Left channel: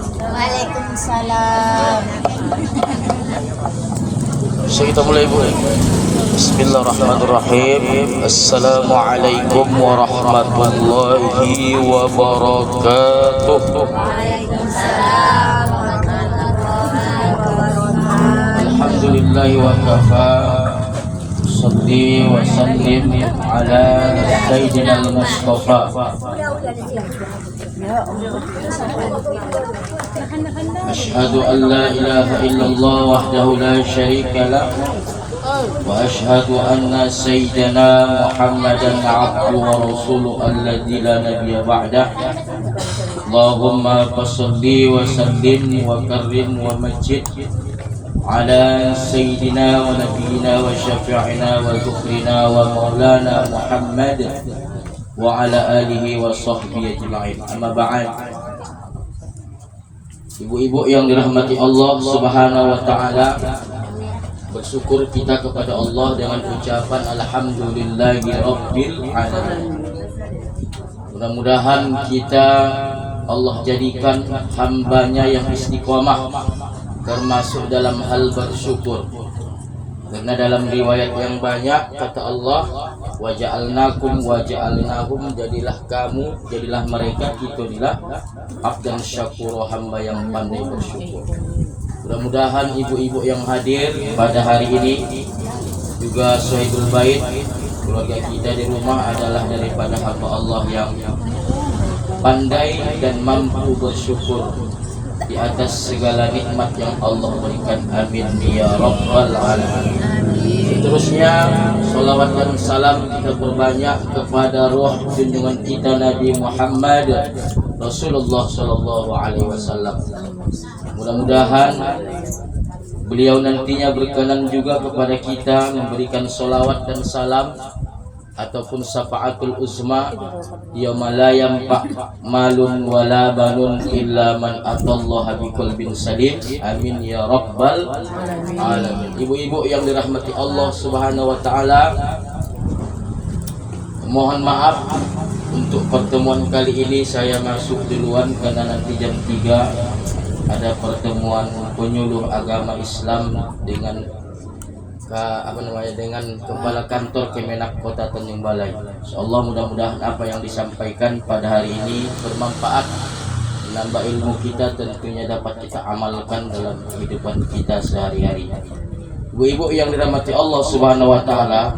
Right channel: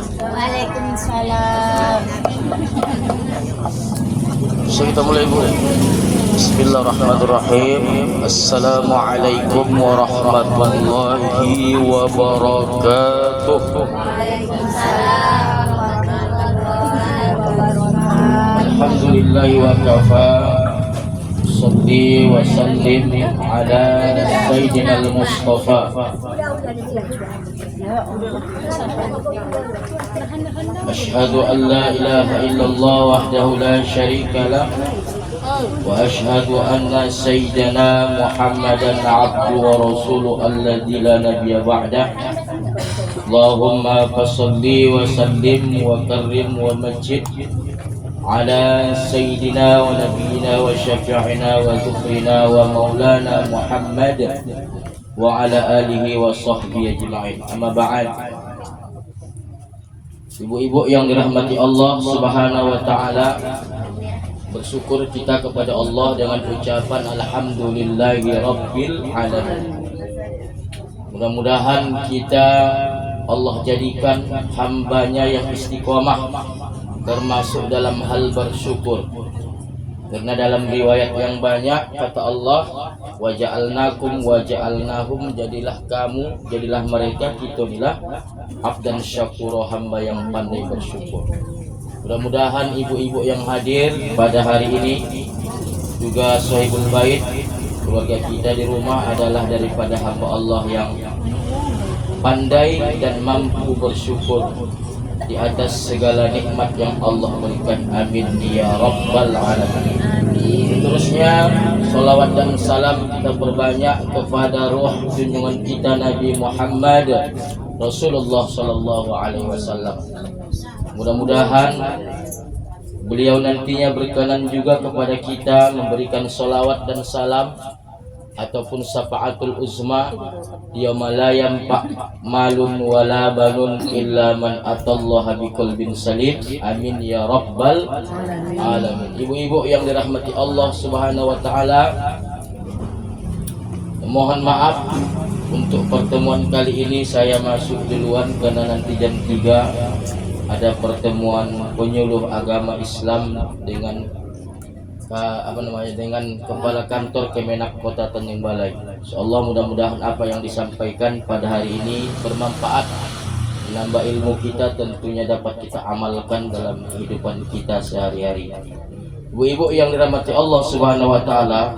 Waalaikumsalam. So kita mulai Bu. Bismillahirrahmanirrahim. Assalamualaikum warahmatullahi wabarakatuh. Waalaikumsalam warahmatullahi wabarakatuh. Alhamdulillahi wa kafa. Salli wa sallim ala sayyidina al-Mustafa. Ashhadu an la ilaha illallah wahdahu la syarika lah. وأشهد أن سيدنا محمدا عبده ورسوله الذي لا نبي بعده اللهم صل وسلم وكرم ومجد على سيدنا ونبينا وشفيعنا وذكرنا ومولانا محمد وعلى آله وصحبه أجمعين أما بعد. Ibu-ibu yang dirahmati Allah Subhanahu wa taala, bersyukur kita kepada Allah dengan ucapan alhamdulillahi rabbil alamin. Mudah-mudahan kita Allah jadikan hambanya yang istiqomah termasuk dalam hal bersyukur. Karena dalam riwayat yang banyak kata Allah, wa ja'alnakum wa ja'alnahum, jadilah kamu, jadilah mereka, kita inilah abdan syakura, hamba yang pandai bersyukur. Mudah-mudahan ibu-ibu yang hadir pada hari ini juga sahibul bait, keluarga kita di rumah adalah daripada hamba Allah yang pandai dan mampu bersyukur di atas segala nikmat yang Allah berikan. Amin ya rabbal alamin. Terusnya salawat dan salam kita perbanyak kepada ruh junjungan kita Nabi Muhammad Rasulullah sallallahu alaihi wasallam. Mudah-mudahan beliau nantinya berkenan juga kepada kita memberikan salawat dan salam ataupun syafaatul uzma yauma la yanfa malun wala banun illa man atallaha biqalbin salim. Amin ya rabbal alamin. Ibu-ibu yang dirahmati Allah Subhanahu wa taala, mohon maaf untuk pertemuan kali ini saya masuk duluan karena nanti jam 3 ada pertemuan penyuluh agama Islam dengan dengan kepala kantor Kemenak Kota Tanjung Balai. Insyaallah mudah-mudahan apa yang disampaikan pada hari ini bermanfaat, menambah ilmu kita, tentunya dapat kita amalkan dalam kehidupan kita sehari-hari. Ibu-ibu yang dirahmati Allah Subhanahu wa taala,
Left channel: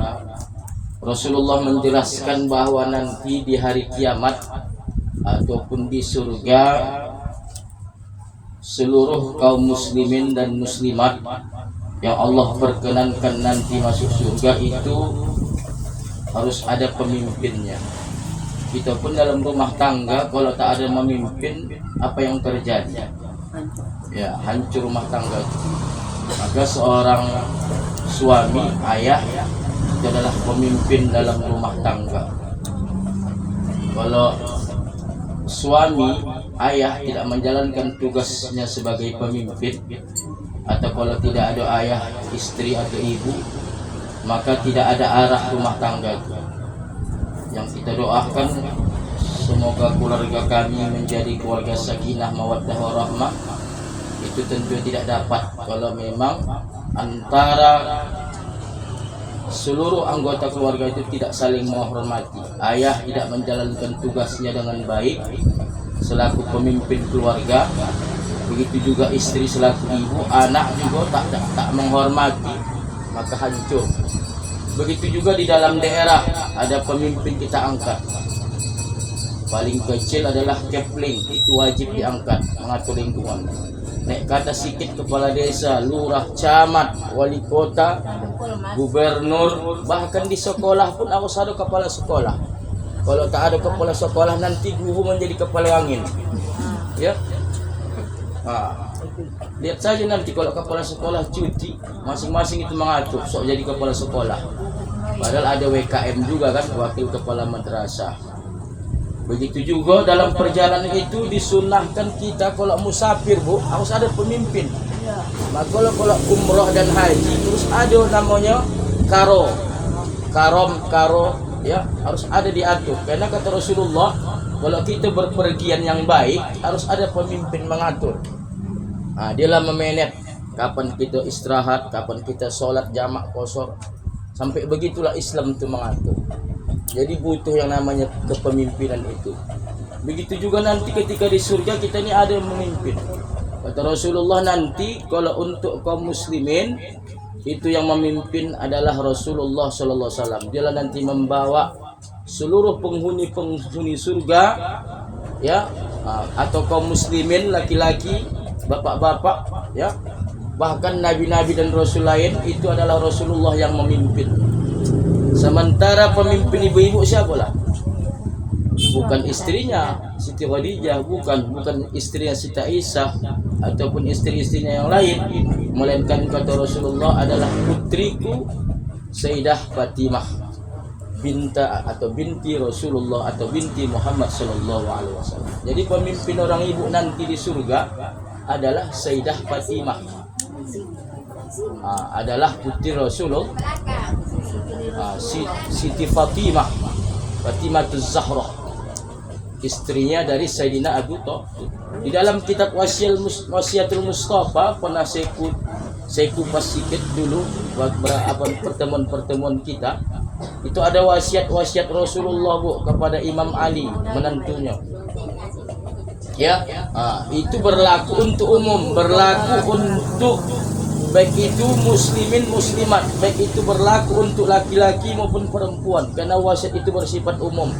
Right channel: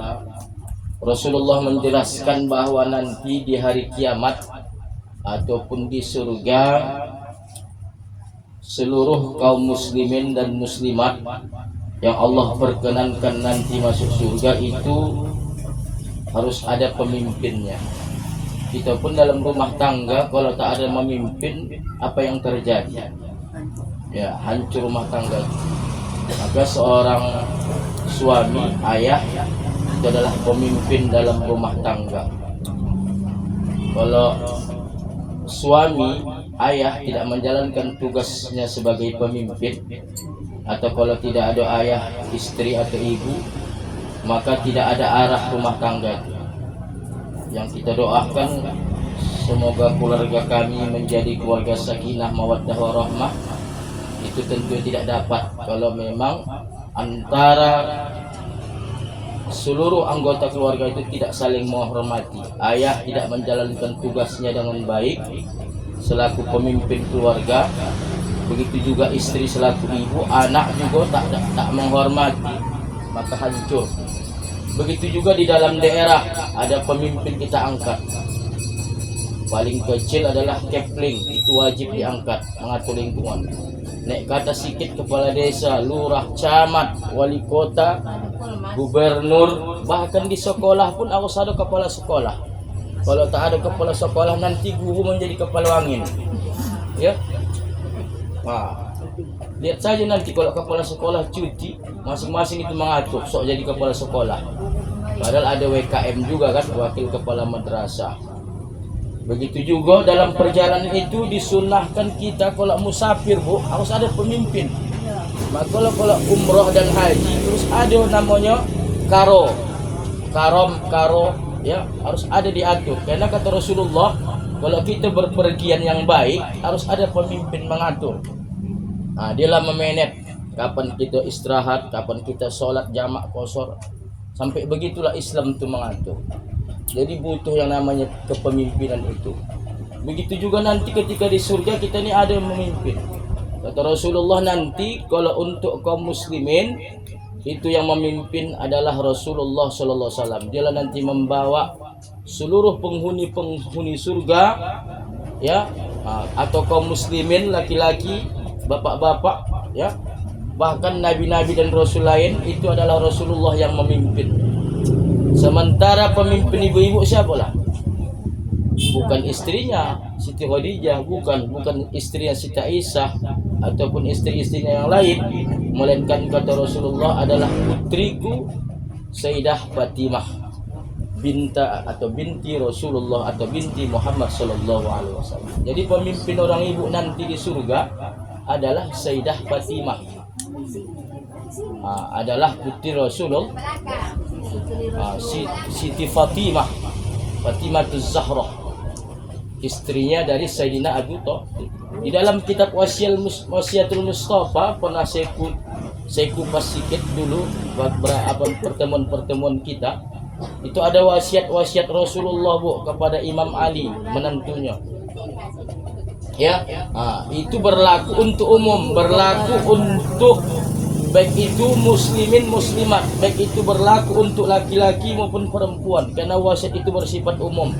Rasulullah menjelaskan bahwa nanti di hari kiamat ataupun di surga, seluruh kaum muslimin dan muslimat yang Allah perkenankan nanti masuk surga itu harus ada pemimpinnya. Kita pun dalam rumah tangga kalau tak ada pemimpin, apa yang terjadi? Ya, hancur rumah tangga. Maka seorang suami, ayah itu adalah pemimpin dalam rumah tangga. Kalau suami, ayah tidak menjalankan tugasnya sebagai pemimpin, atau kalau tidak ada ayah, istri atau ibu, maka tidak ada arah rumah tangga itu. Yang kita doakan, semoga keluarga kami menjadi keluarga sakinah mawaddah warahmah. Itu tentu tidak dapat kalau memang antara seluruh anggota keluarga itu tidak saling menghormati. Ayah tidak menjalankan tugasnya dengan baik selaku pemimpin keluarga, begitu juga istri selaku ibu, anak juga tak menghormati, maka hancur. Begitu juga di dalam daerah ada pemimpin kita angkat. Paling kecil adalah kepling, itu wajib diangkat, mengatur lingkungan. Naik kata sikit kepala desa, lurah, camat, wali kota, gubernur, bahkan di sekolah pun harus ada kepala sekolah. Kalau tak ada kepala sekolah nanti guru menjadi kepala angin. Ya. Lihat saja nanti kalau kepala sekolah cuti, masing-masing itu mengatur sok jadi kepala sekolah. Padahal ada WKM juga kan, wakil kepala madrasah. Begitu juga dalam perjalanan itu disunahkan kita kalau musafir Bu, harus ada pemimpin. Maka kalau umroh dan haji terus ada namanya karo ya, harus ada diatur. Karena kata Rasulullah, kalau kita berpergian yang baik harus ada pemimpin mengatur. Dialah memanage kapan kita istirahat, kapan kita sholat jamak kosor. Sampai begitulah Islam itu mengatur. Jadi butuh yang namanya kepemimpinan itu. Begitu juga nanti ketika di surga kita ini ada yang memimpin. Kata Rasulullah, nanti kalau untuk kaum muslimin itu yang memimpin adalah Rasulullah sallallahu alaihi wasallam. Dia nanti membawa seluruh penghuni surga, ya, atau kaum muslimin laki-laki, bapak-bapak, ya, bahkan nabi-nabi dan rasul lain itu adalah Rasulullah yang memimpin. Sementara pemimpin ibu-ibu siapa lah? Bukan istrinya Siti Khadijah, bukan istrinya Siti Aisyah ataupun istri-istrinya yang lain, melainkan kata Rasulullah adalah putriku Sayyidah Fatimah binti Rasulullah atau binti Muhammad sallallahu alaihi wasallam. Jadi pemimpin orang ibu nanti di surga adalah Sayyidah Fatimah. Adalah putri Rasulullah, Siti Fatimah Zahra, istrinya dari Sayyidina Abu Thalib. Di dalam kitab Wasiatul Mustafa pernah saya kupas sedikit dulu beberapa pertemuan kita. Itu ada wasiat Rasulullah kepada Imam Ali menantunya. Ya, itu berlaku untuk umum, berlaku untuk baik itu muslimin muslimat, baik itu berlaku untuk laki-laki maupun perempuan, karena wasiat itu bersifat umum.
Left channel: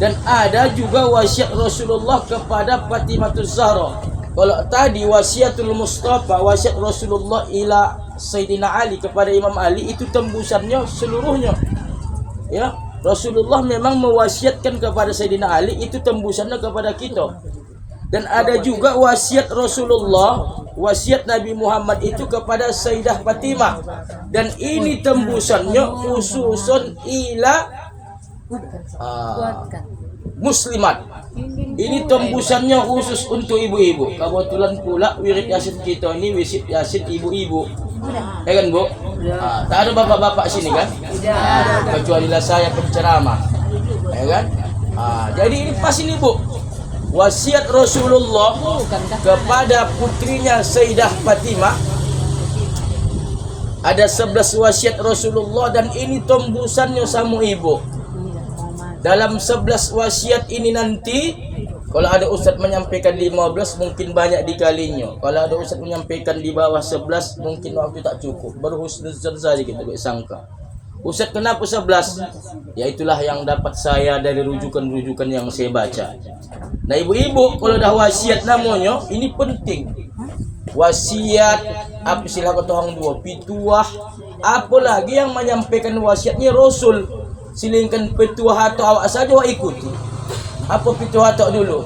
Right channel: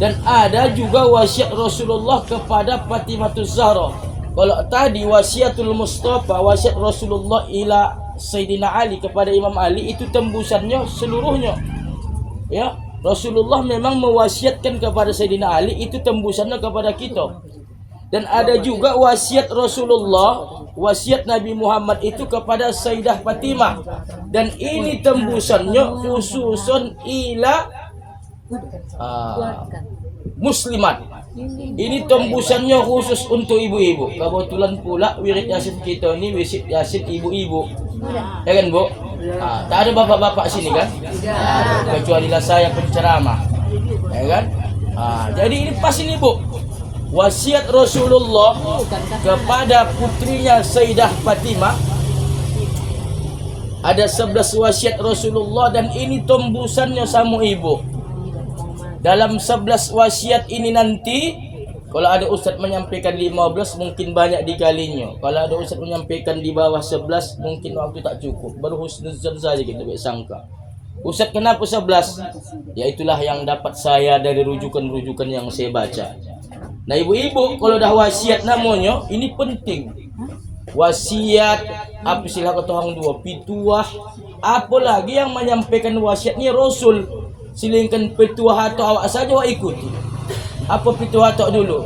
Dan ada juga wasiat Rasulullah kepada Fatimatus Zahra. Kalau tadi wasiatul Mustafa, wasiat Rasulullah ila Sayyidina Ali kepada Imam Ali, itu tembusannya seluruhnya. Ya, Rasulullah memang mewasiatkan kepada Sayyidina Ali, itu tembusannya kepada kita. Dan ada juga wasiat Rasulullah, wasiat Nabi Muhammad itu kepada Sayyidah Fatimah. Dan ini tembusannya khususun ila muslimat. Ini tembusannya khusus untuk ibu-ibu. Kebetulan pula wirid Yasin kita ini wirid Yasin ibu-ibu. Ya kan, Bu? Tak ada bapak-bapak sini kan? Kecuali saya penceramah. Ya kan? Jadi ini pas ini, Bu. Wasiat Rasulullah kepada putrinya Sayyidah Fatimah. Ada 11 wasiat Rasulullah dan ini tembusannya sama ibu. Dalam 11 wasiat ini nanti, kalau ada ustaz menyampaikan 15 mungkin banyak dikalinya. Kalau ada ustaz menyampaikan di bawah 11 mungkin waktu tak cukup. Berhusnuzon saja kita sangka. Ustaz kenapa 11? Ya itulah yang dapat saya dari rujukan-rujukan yang saya baca. Nah ibu-ibu kalau dah wasiat namanya ini penting. Wasiat apa istilah kata orang dua, pituah, apalagi yang menyampaikan wasiatnya Rasul. Silingkan pituah atau awak saja awak ikuti. Apa pituah atau dulu?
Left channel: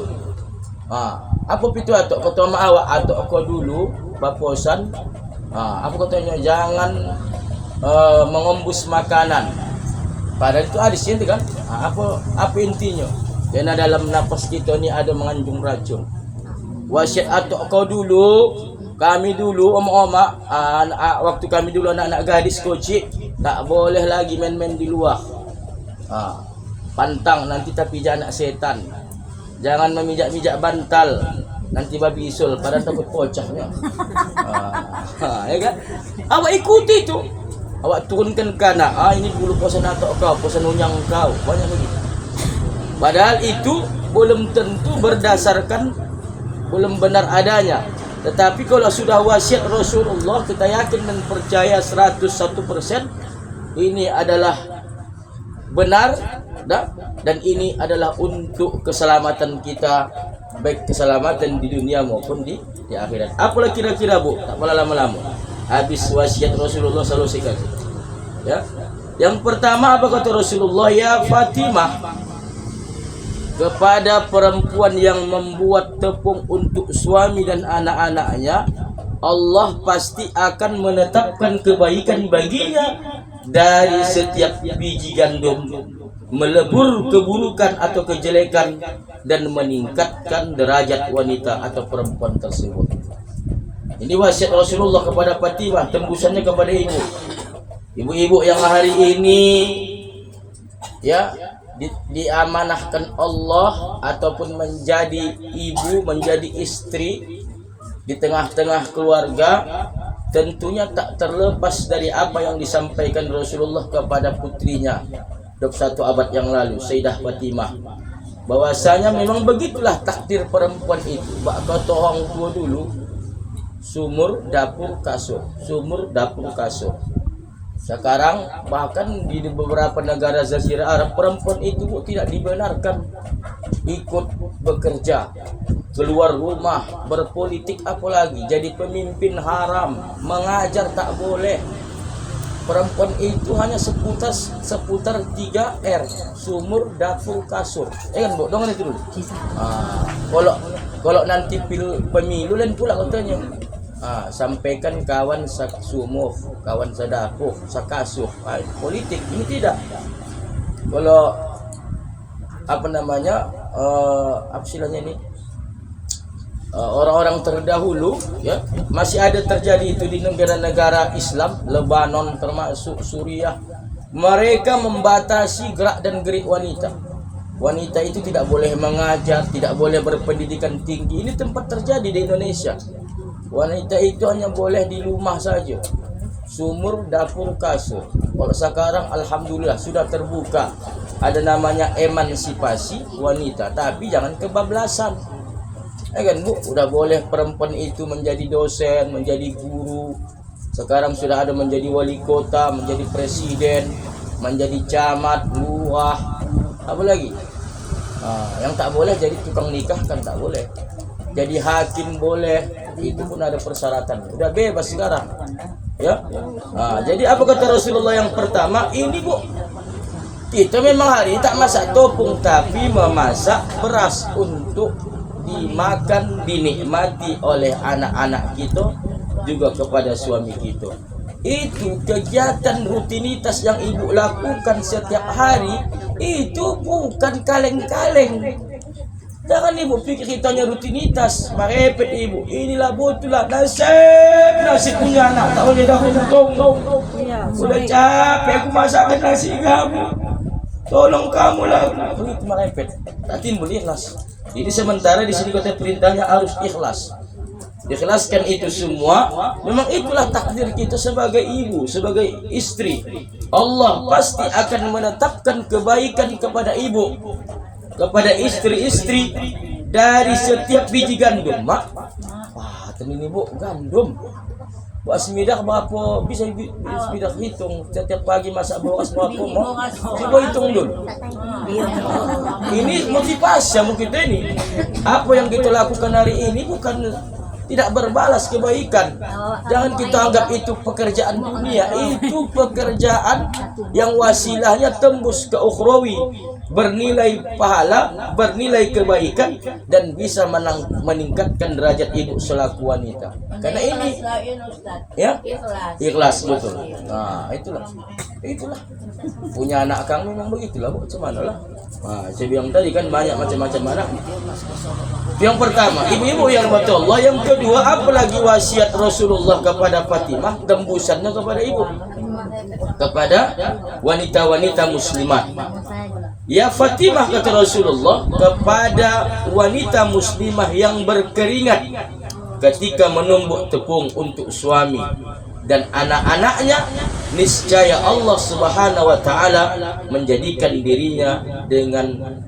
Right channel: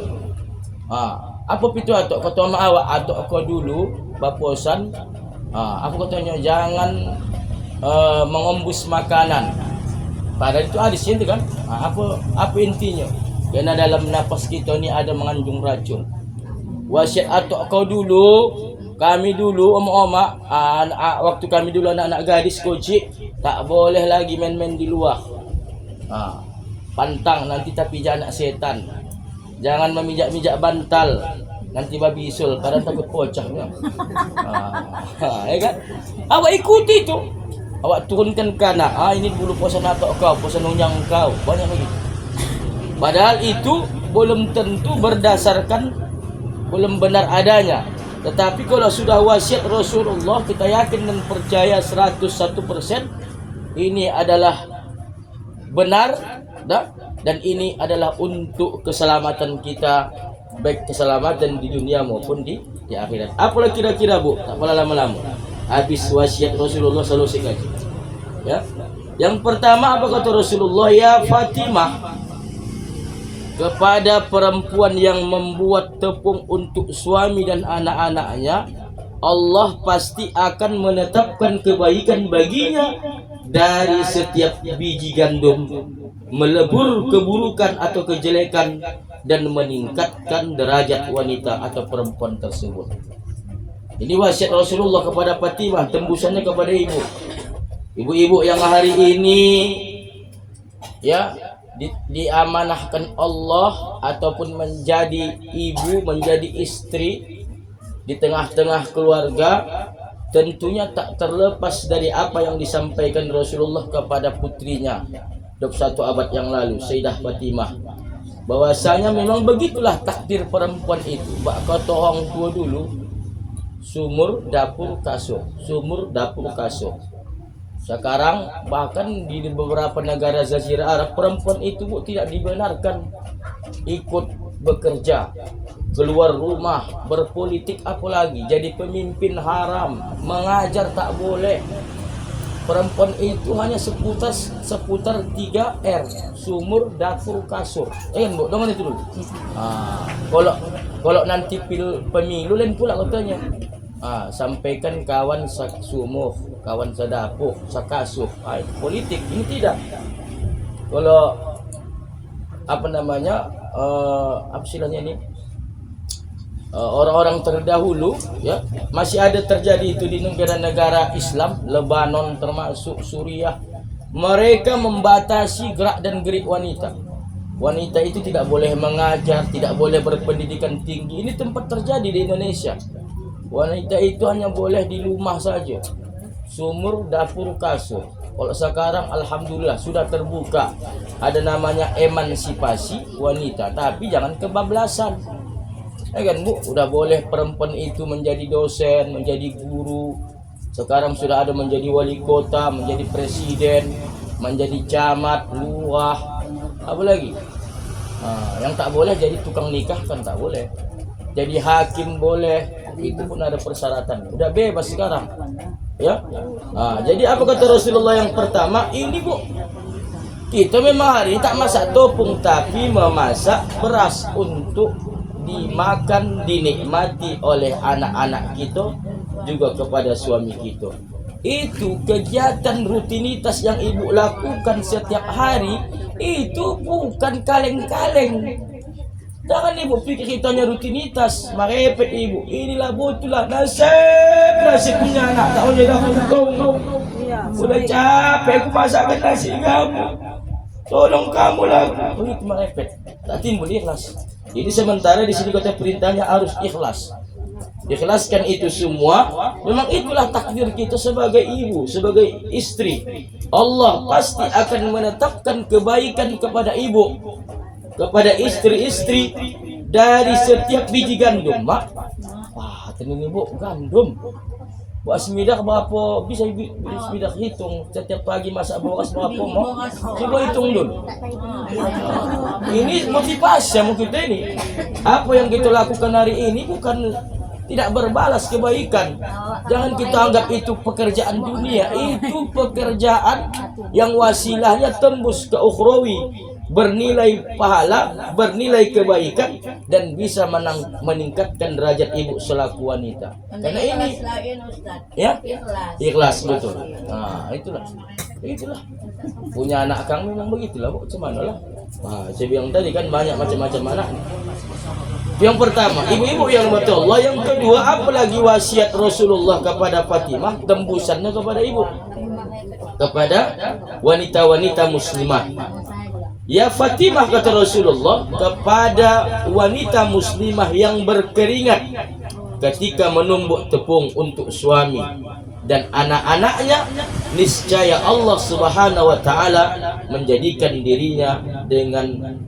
Apa pituah atau kata mak awak atau kau dulu baposan? Apa katanya jangan mengombus makanan. Padahal itu hadis itu kan? Apa intinya? Karena dalam nafas kita ni ada mengandung racun. Wasiat atau kau dulu, kami dulu om-oma, waktu kami dulu anak-anak gadis kecil tak boleh lagi main-main di luar. Pantang nanti tapi jangan setan. Jangan memijak-mijak bantal, nanti babi isul pada takut pocahnya. Ya kan? Awak ikuti tu. Awak turunkan kanak. Ini dulu posan atok kau, posan unyang kau. Banyak begitu. Padahal itu belum tentu berdasarkan, belum benar adanya. Tetapi kalau sudah wasiat Rasulullah, kita yakin dan percaya 101% ini adalah benar dan ini adalah untuk keselamatan kita, baik keselamatan di dunia maupun di akhirat. Apalah kira-kira, Bu? Tak payah lama-lama. Habis wasiat Rasulullah selalu singkat. Ya. Yang pertama apa kata Rasulullah? Ya Fatimah, kepada perempuan yang membuat tepung untuk suami dan anak-anaknya, Allah pasti akan menetapkan kebaikan baginya dari setiap biji gandum, melebur keburukan atau kejelekan dan meningkatkan derajat wanita atau perempuan tersebut. Ini wasiat Rasulullah kepada Fatimah, tembusannya kepada ibu. Ibu-ibu yang hari ini ya diamanahkan Allah ataupun menjadi ibu, menjadi istri di tengah-tengah keluarga, tentunya tak terlepas dari apa yang disampaikan Rasulullah kepada putrinya 21 abad yang lalu, Sayyidah Fatimah, bahwasanya memang begitulah takdir perempuan itu. Bak kata orang tua dulu, sumur dapur kasur, sumur dapur kasur. Sekarang bahkan di beberapa negara Jazirah Arab, perempuan itu tidak dibenarkan ikut bekerja, keluar rumah, berpolitik, apalagi jadi pemimpin haram, mengajar tak boleh. Perempuan itu hanya seputar 3R, sumur, dapur, kasur. Kan Bu, jangan itu dulu. Kalau nanti pemilu lain pula katanya. Sampaikan kawan sumur, kawan sedapur, sakasur. Politik ini tidak. Kalau apa namanya, apa istilahnya ini, orang-orang terdahulu ya, masih ada terjadi itu di negara-negara Islam, Lebanon termasuk Suriah. Mereka membatasi gerak dan gerik wanita. Wanita itu tidak boleh mengajar, tidak boleh berpendidikan tinggi. Ini tempat terjadi di Indonesia. Wanita itu hanya boleh di rumah saja, sumur, dapur, kasur. Kalau sekarang alhamdulillah sudah terbuka, ada namanya emansipasi wanita, tapi jangan kebablasan. Kan Bu, udah boleh perempuan itu menjadi dosen, menjadi guru. Sekarang sudah ada menjadi wali kota, menjadi presiden, menjadi camat, lurah, apa lagi? Yang tak boleh jadi tukang nikah kan tak boleh. Jadi hakim boleh, itu pun ada persyaratan. Udah bebas sekarang, ya. Jadi apa kata Rasulullah yang pertama? Ini Bu, kita memang hari ini tak masak topung, tapi memasak beras untuk dimakan, dinikmati oleh anak-anak kita, juga kepada suami kita. Itu kegiatan rutinitas yang ibu lakukan setiap hari, itu bukan kaleng-kaleng. Jangan ibu pikir kitanya rutinitas, merepet ibu. Inilah betulah nasib punya anak. Tak boleh dah untung. Sudah capek aku masakkan nasi kamu. Tolong kamu lah. Begitu merepet, tak timbul ikhlas. Jadi sementara di sini kata perintahnya harus ikhlas. Ikhlaskan itu semua. Memang itulah takdir kita sebagai ibu, sebagai istri. Allah pasti akan menetapkan kebaikan kepada ibu, kepada istri-istri dari setiap biji gandum. Mak, wah, ini Bu, gandum. Buat semidak berapa? Bisa semidak hitung. Setiap pagi masak beras berapa? Coba hitung dulu. Ini motivasi kita ini. Apa yang kita lakukan hari ini bukan tidak berbalas kebaikan. Jangan kita anggap itu pekerjaan dunia. Itu pekerjaan yang wasilahnya tembus ke ukhrawi, bernilai pahala, bernilai kebaikan, dan bisa meningkatkan derajat ibu selaku wanita. Karena ini ya, ikhlas betul. Itulah punya anak Kang memang begitulah Bu, cuman lah. Saya bilang tadi kan banyak macam-macam anak. Yang pertama, ibu-ibu yang betul Allah. Yang kedua, apalagi wasiat Rasulullah kepada Fatimah, tembusannya kepada ibu, kepada wanita-wanita muslimat. Ya Fatimah, kata Rasulullah, kepada wanita muslimah yang berkeringat ketika menumbuk tepung untuk suami dan anak-anaknya, niscaya Allah Subhanahu wa taala menjadikan dirinya dengan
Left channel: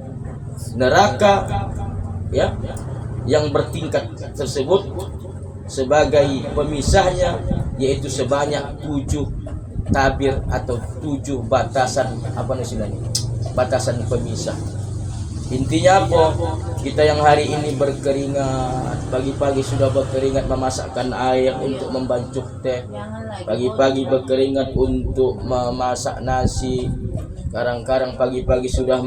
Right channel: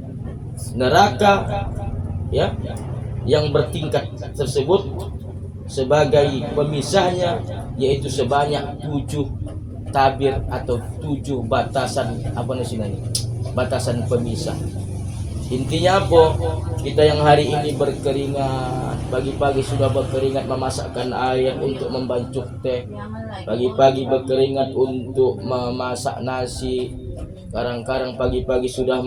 neraka ya yang bertingkat tersebut sebagai pemisahnya, yaitu sebanyak 7 tabir atau 7 batasan batasan pemisah. Intinya apa? Kita yang hari ini berkeringat, pagi-pagi sudah berkeringat memasakkan air untuk membancuk teh, pagi-pagi berkeringat untuk memasak nasi, kadang-kadang pagi-pagi sudah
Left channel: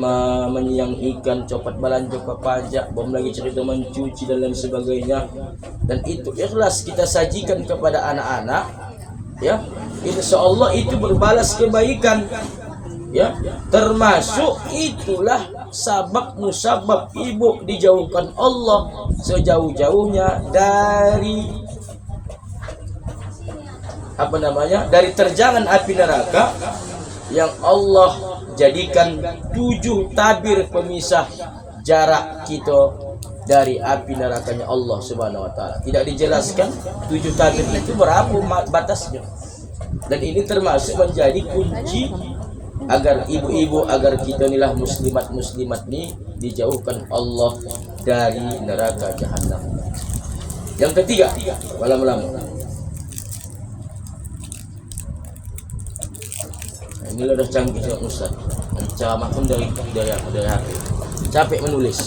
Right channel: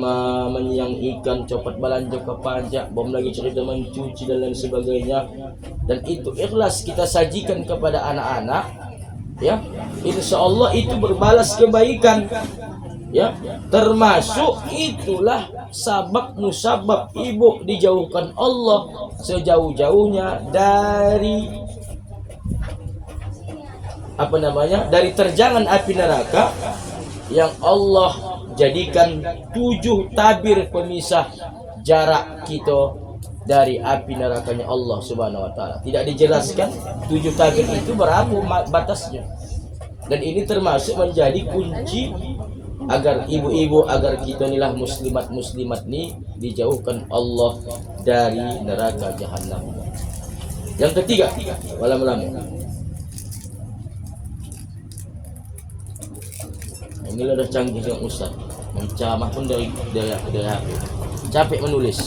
menyiang ikan, copat balanjo ke pajak, belum lagi cerita mencuci dan lain sebagainya. Dan itu ikhlas kita sajikan kepada anak-anak, ya, insya Allah itu berbalas kebaikan. Ya, termasuk itulah sabab musabab ibu dijauhkan Allah sejauh-jauhnya dari dari terjangan api neraka yang Allah jadikan 7 tabir pemisah jarak kita dari api nerakanya Allah Subhanahu wa taala. Tidak dijelaskan 7 tabir itu berapa batasnya. Dan ini termasuk menjadi kunci agar ibu-ibu, agar kita inilah muslimat nih dijauhkan Allah dari neraka jahanam. Yang ketiga, malam-malam. Ini udah canggih juga Ustaz. Menceramah pun dari hati. Capek menulis.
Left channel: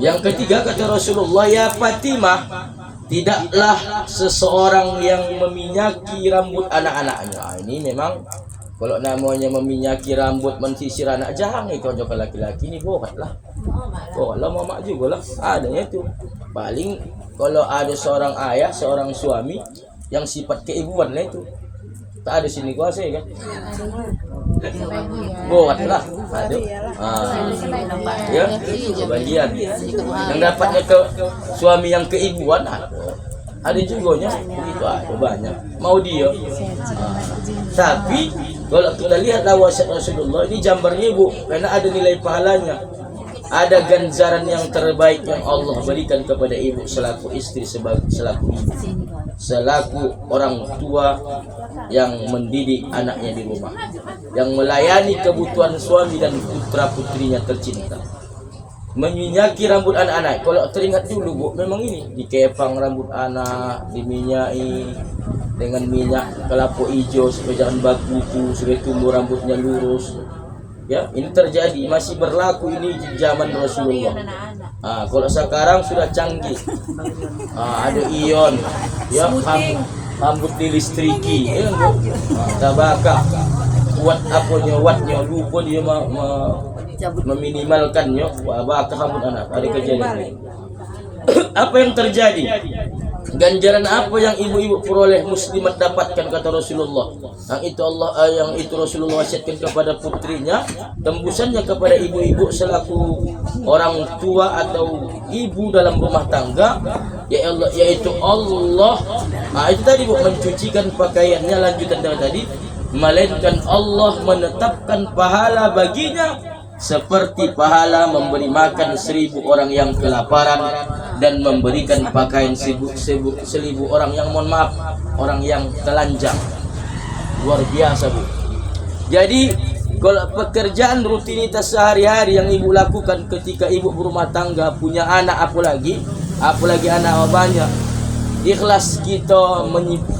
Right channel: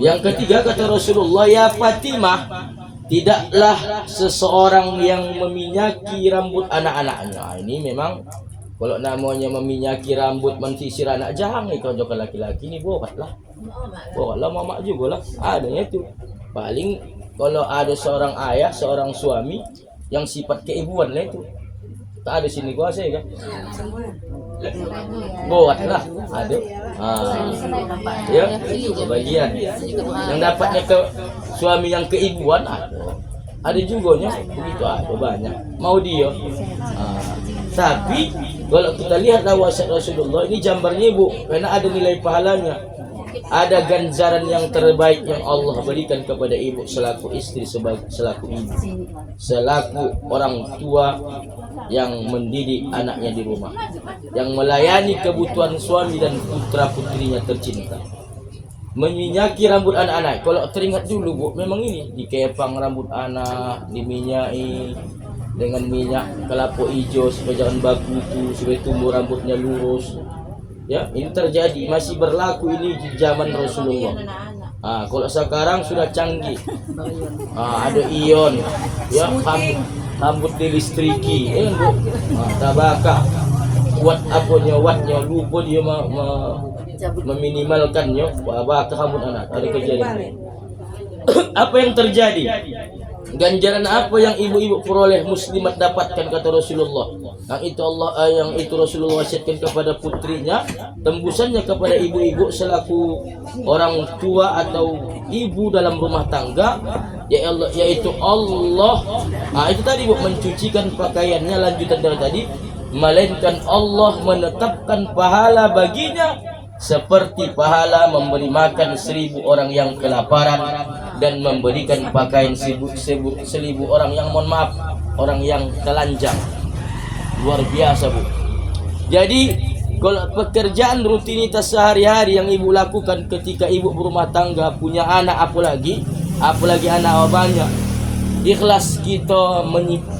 Yang ketiga kata Rasulullah, ya Fatimah, tidaklah seseorang yang meminyaki rambut anak-anaknya. Ini memang kalau namanya meminyaki rambut, mensisir anak, jangan kau jauh laki-laki ini bohonglah. Bohonglah mama juga lah. Adanya itu. Paling kalau ada seorang ayah, seorang suami yang sifat keibuan lah itu. Tak ada sini kuasa kan? Bohonglah. Ada. Ya, sebagian yang dapatnya ke suami yang keibuan ada juga nya itu ada banyak mau dia tapi kalau kita lihat wasiat Rasulullah ini gambarnya ibu, karena ada nilai pahalanya, ada ganjaran yang terbaik yang Allah berikan kepada ibu selaku istri, selaku ibu, selaku orang tua yang mendidik anaknya di rumah, yang melayani kebutuhan suami dan putra putrinya tercinta. Meminyaki rambut anak-anak. Kalau teringat dulu Bu, memang ini dikepang rambut anak, diminyaki dengan minyak kelapa hijau supaya jangan baku, supaya tumbuh rambutnya lurus. Ya, ini terjadi, masih berlaku ini di zaman Rasulullah. Kalau sekarang sudah canggih. Ada ion, ya rambut dilistriki, tabakah, buat apanya, lupa dia meminimalkannya, bakal rambut anak. Ada kejadian. Apa yang terjadi? Ganjaran apa yang ibu-ibu peroleh, muslimat dapatkan kata Rasulullah. Yang itu Rasulullah wasiatkan kepada putrinya, tembusannya kepada ibu-ibu selaku orang tua atau ibu dalam rumah tangga, yaitu Allah. Itu tadi Bu, mencucikan pakaiannya, lanjutan dari tadi, melainkan Allah menetapkan pahala baginya seperti pahala memberi makan 1000 orang yang kelaparan dan memberikan pakaian 1000 orang yang, mohon maaf, orang yang telanjang. Luar biasa Bu. Jadi kalau pekerjaan rutinitas sehari-hari yang ibu lakukan ketika ibu berumah tangga, punya anak, apalagi anak banyak, ikhlas kita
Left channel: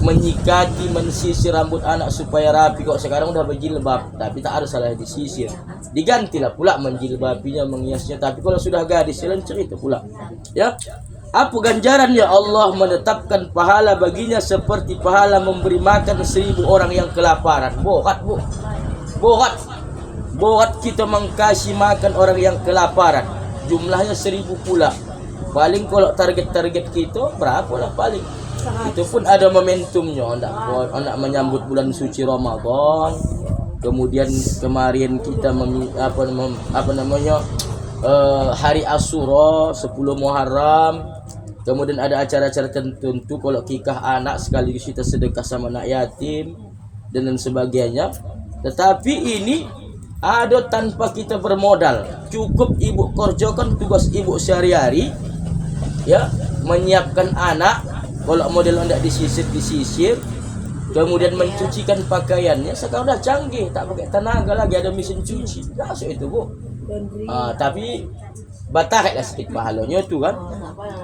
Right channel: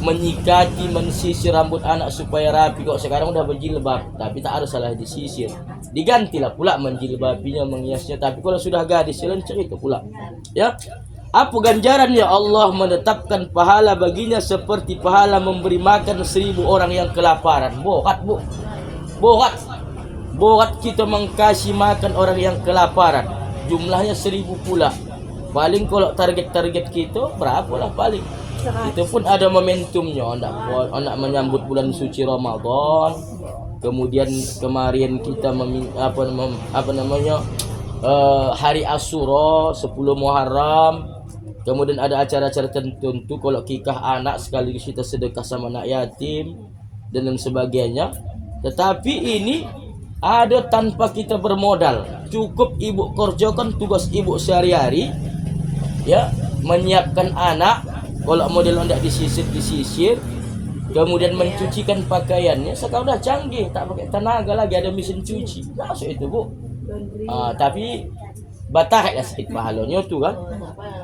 menyikati, mensisir rambut anak supaya rapi. Kok sekarang udah berjilbab, tapi tak harus salah disisir, digantilah pula menjilbabinya, menghiasnya. Tapi kalau sudah gadis, lancar itu pula. Ya, apa ganjarannya? Allah menetapkan pahala baginya seperti pahala memberi makan 1000 orang yang kelaparan. Borat Bu, borat kita mengkasih makan orang yang kelaparan, jumlahnya 1000 pula. Paling kalau target kita berapa lah paling. Itu pun ada momentumnya, nak menyambut bulan suci Ramadan. Kemudian kemarin kita hari Asyura 10 Muharram. Kemudian ada acara-acara tertentu, kalau kikah anak sekaligus kita sedekah sama anak yatim dan lain sebagainya. Tetapi ini ada tanpa kita bermodal. Cukup ibu kerjakan tugas ibu sehari-hari, ya, menyiapkan anak, kalau model hendak disisir, kemudian mencucikan pakaiannya. Sekarang udah canggih, tak pakai tenaga lagi, ada mesin cuci, masuk itu Bu. Tapi bataklah sedikit pahalanya tu kan.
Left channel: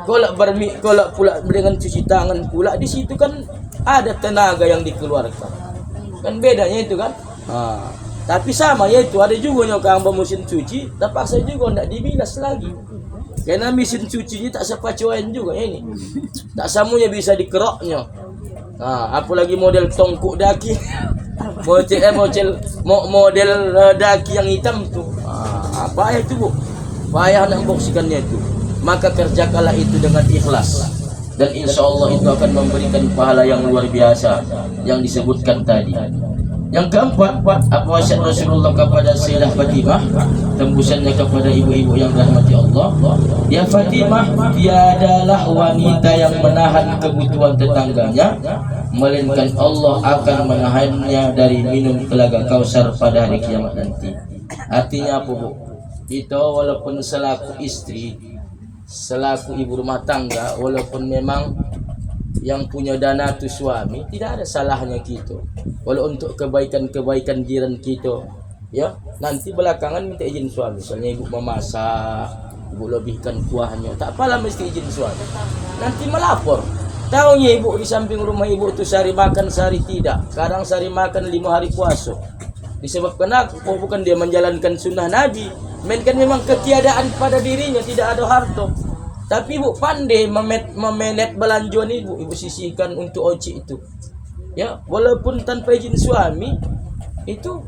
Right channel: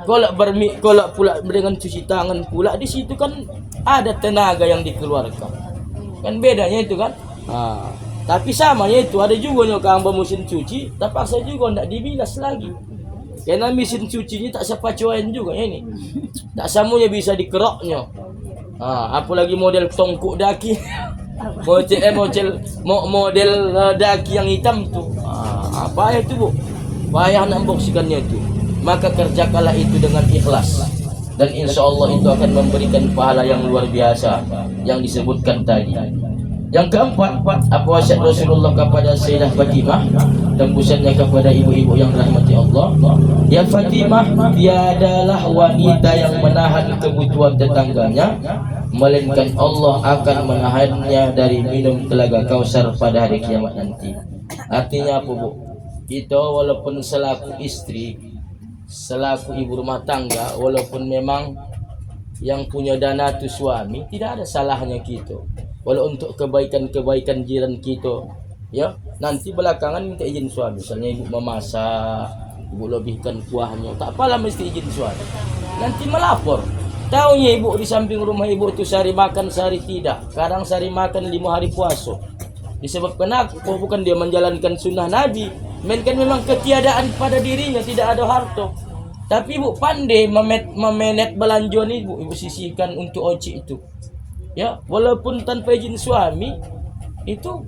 Kalau pula dengan cuci tangan pula, di situ kan ada tenaga yang dikeluarkan, kan bedanya itu kan. Tapi sama ya itu, ada juga nyokang mesin cuci, terpaksa juga hendak dibilas lagi. Karena mesin cucinya tak sepacuan juga ya ini. Tak semuanya bisa dikeroknya. Apalagi model tongkok daki. model daki yang hitam tuh. Apa itu Bu? Payah nak membersihkannya itu. Maka kerjakanlah itu dengan ikhlas. Dan insya Allah itu akan memberikan pahala yang luar biasa yang disebutkan tadi. Yang keempat, apa wasiat Rasulullah kepada Sayyidah Fatimah, tembusannya kepada ibu-ibu yang dirahmati Allah. Ya Fatimah, tiadalah wanita yang menahan kebutuhan tetangganya melainkan Allah akan menahannya dari minum telaga Kausar pada hari kiamat nanti. Artinya apa, Bu? Kita walaupun selaku istri, selaku ibu rumah tangga, walaupun memang yang punya dana itu suami, tidak ada salahnya kita. Walau untuk kebaikan-kebaikan jiran kita, ya, nanti belakangan minta izin suami. Misalnya ibu memasak, ibu lebihkan kuahnya, tak apalah mesti izin suami. Nanti melapor. Tahunya ibu di samping rumah ibu itu sehari makan sehari tidak. Sekarang sehari makan 5 hari puasa. Disebabkan apa? Bukan dia menjalankan sunnah Nabi, melainkan memang ketiadaan pada dirinya, tidak ada harta. Tapi ibu pandai memenet belanjaan ibu sisihkan untuk oci itu. Ya, walaupun tanpa izin suami, itu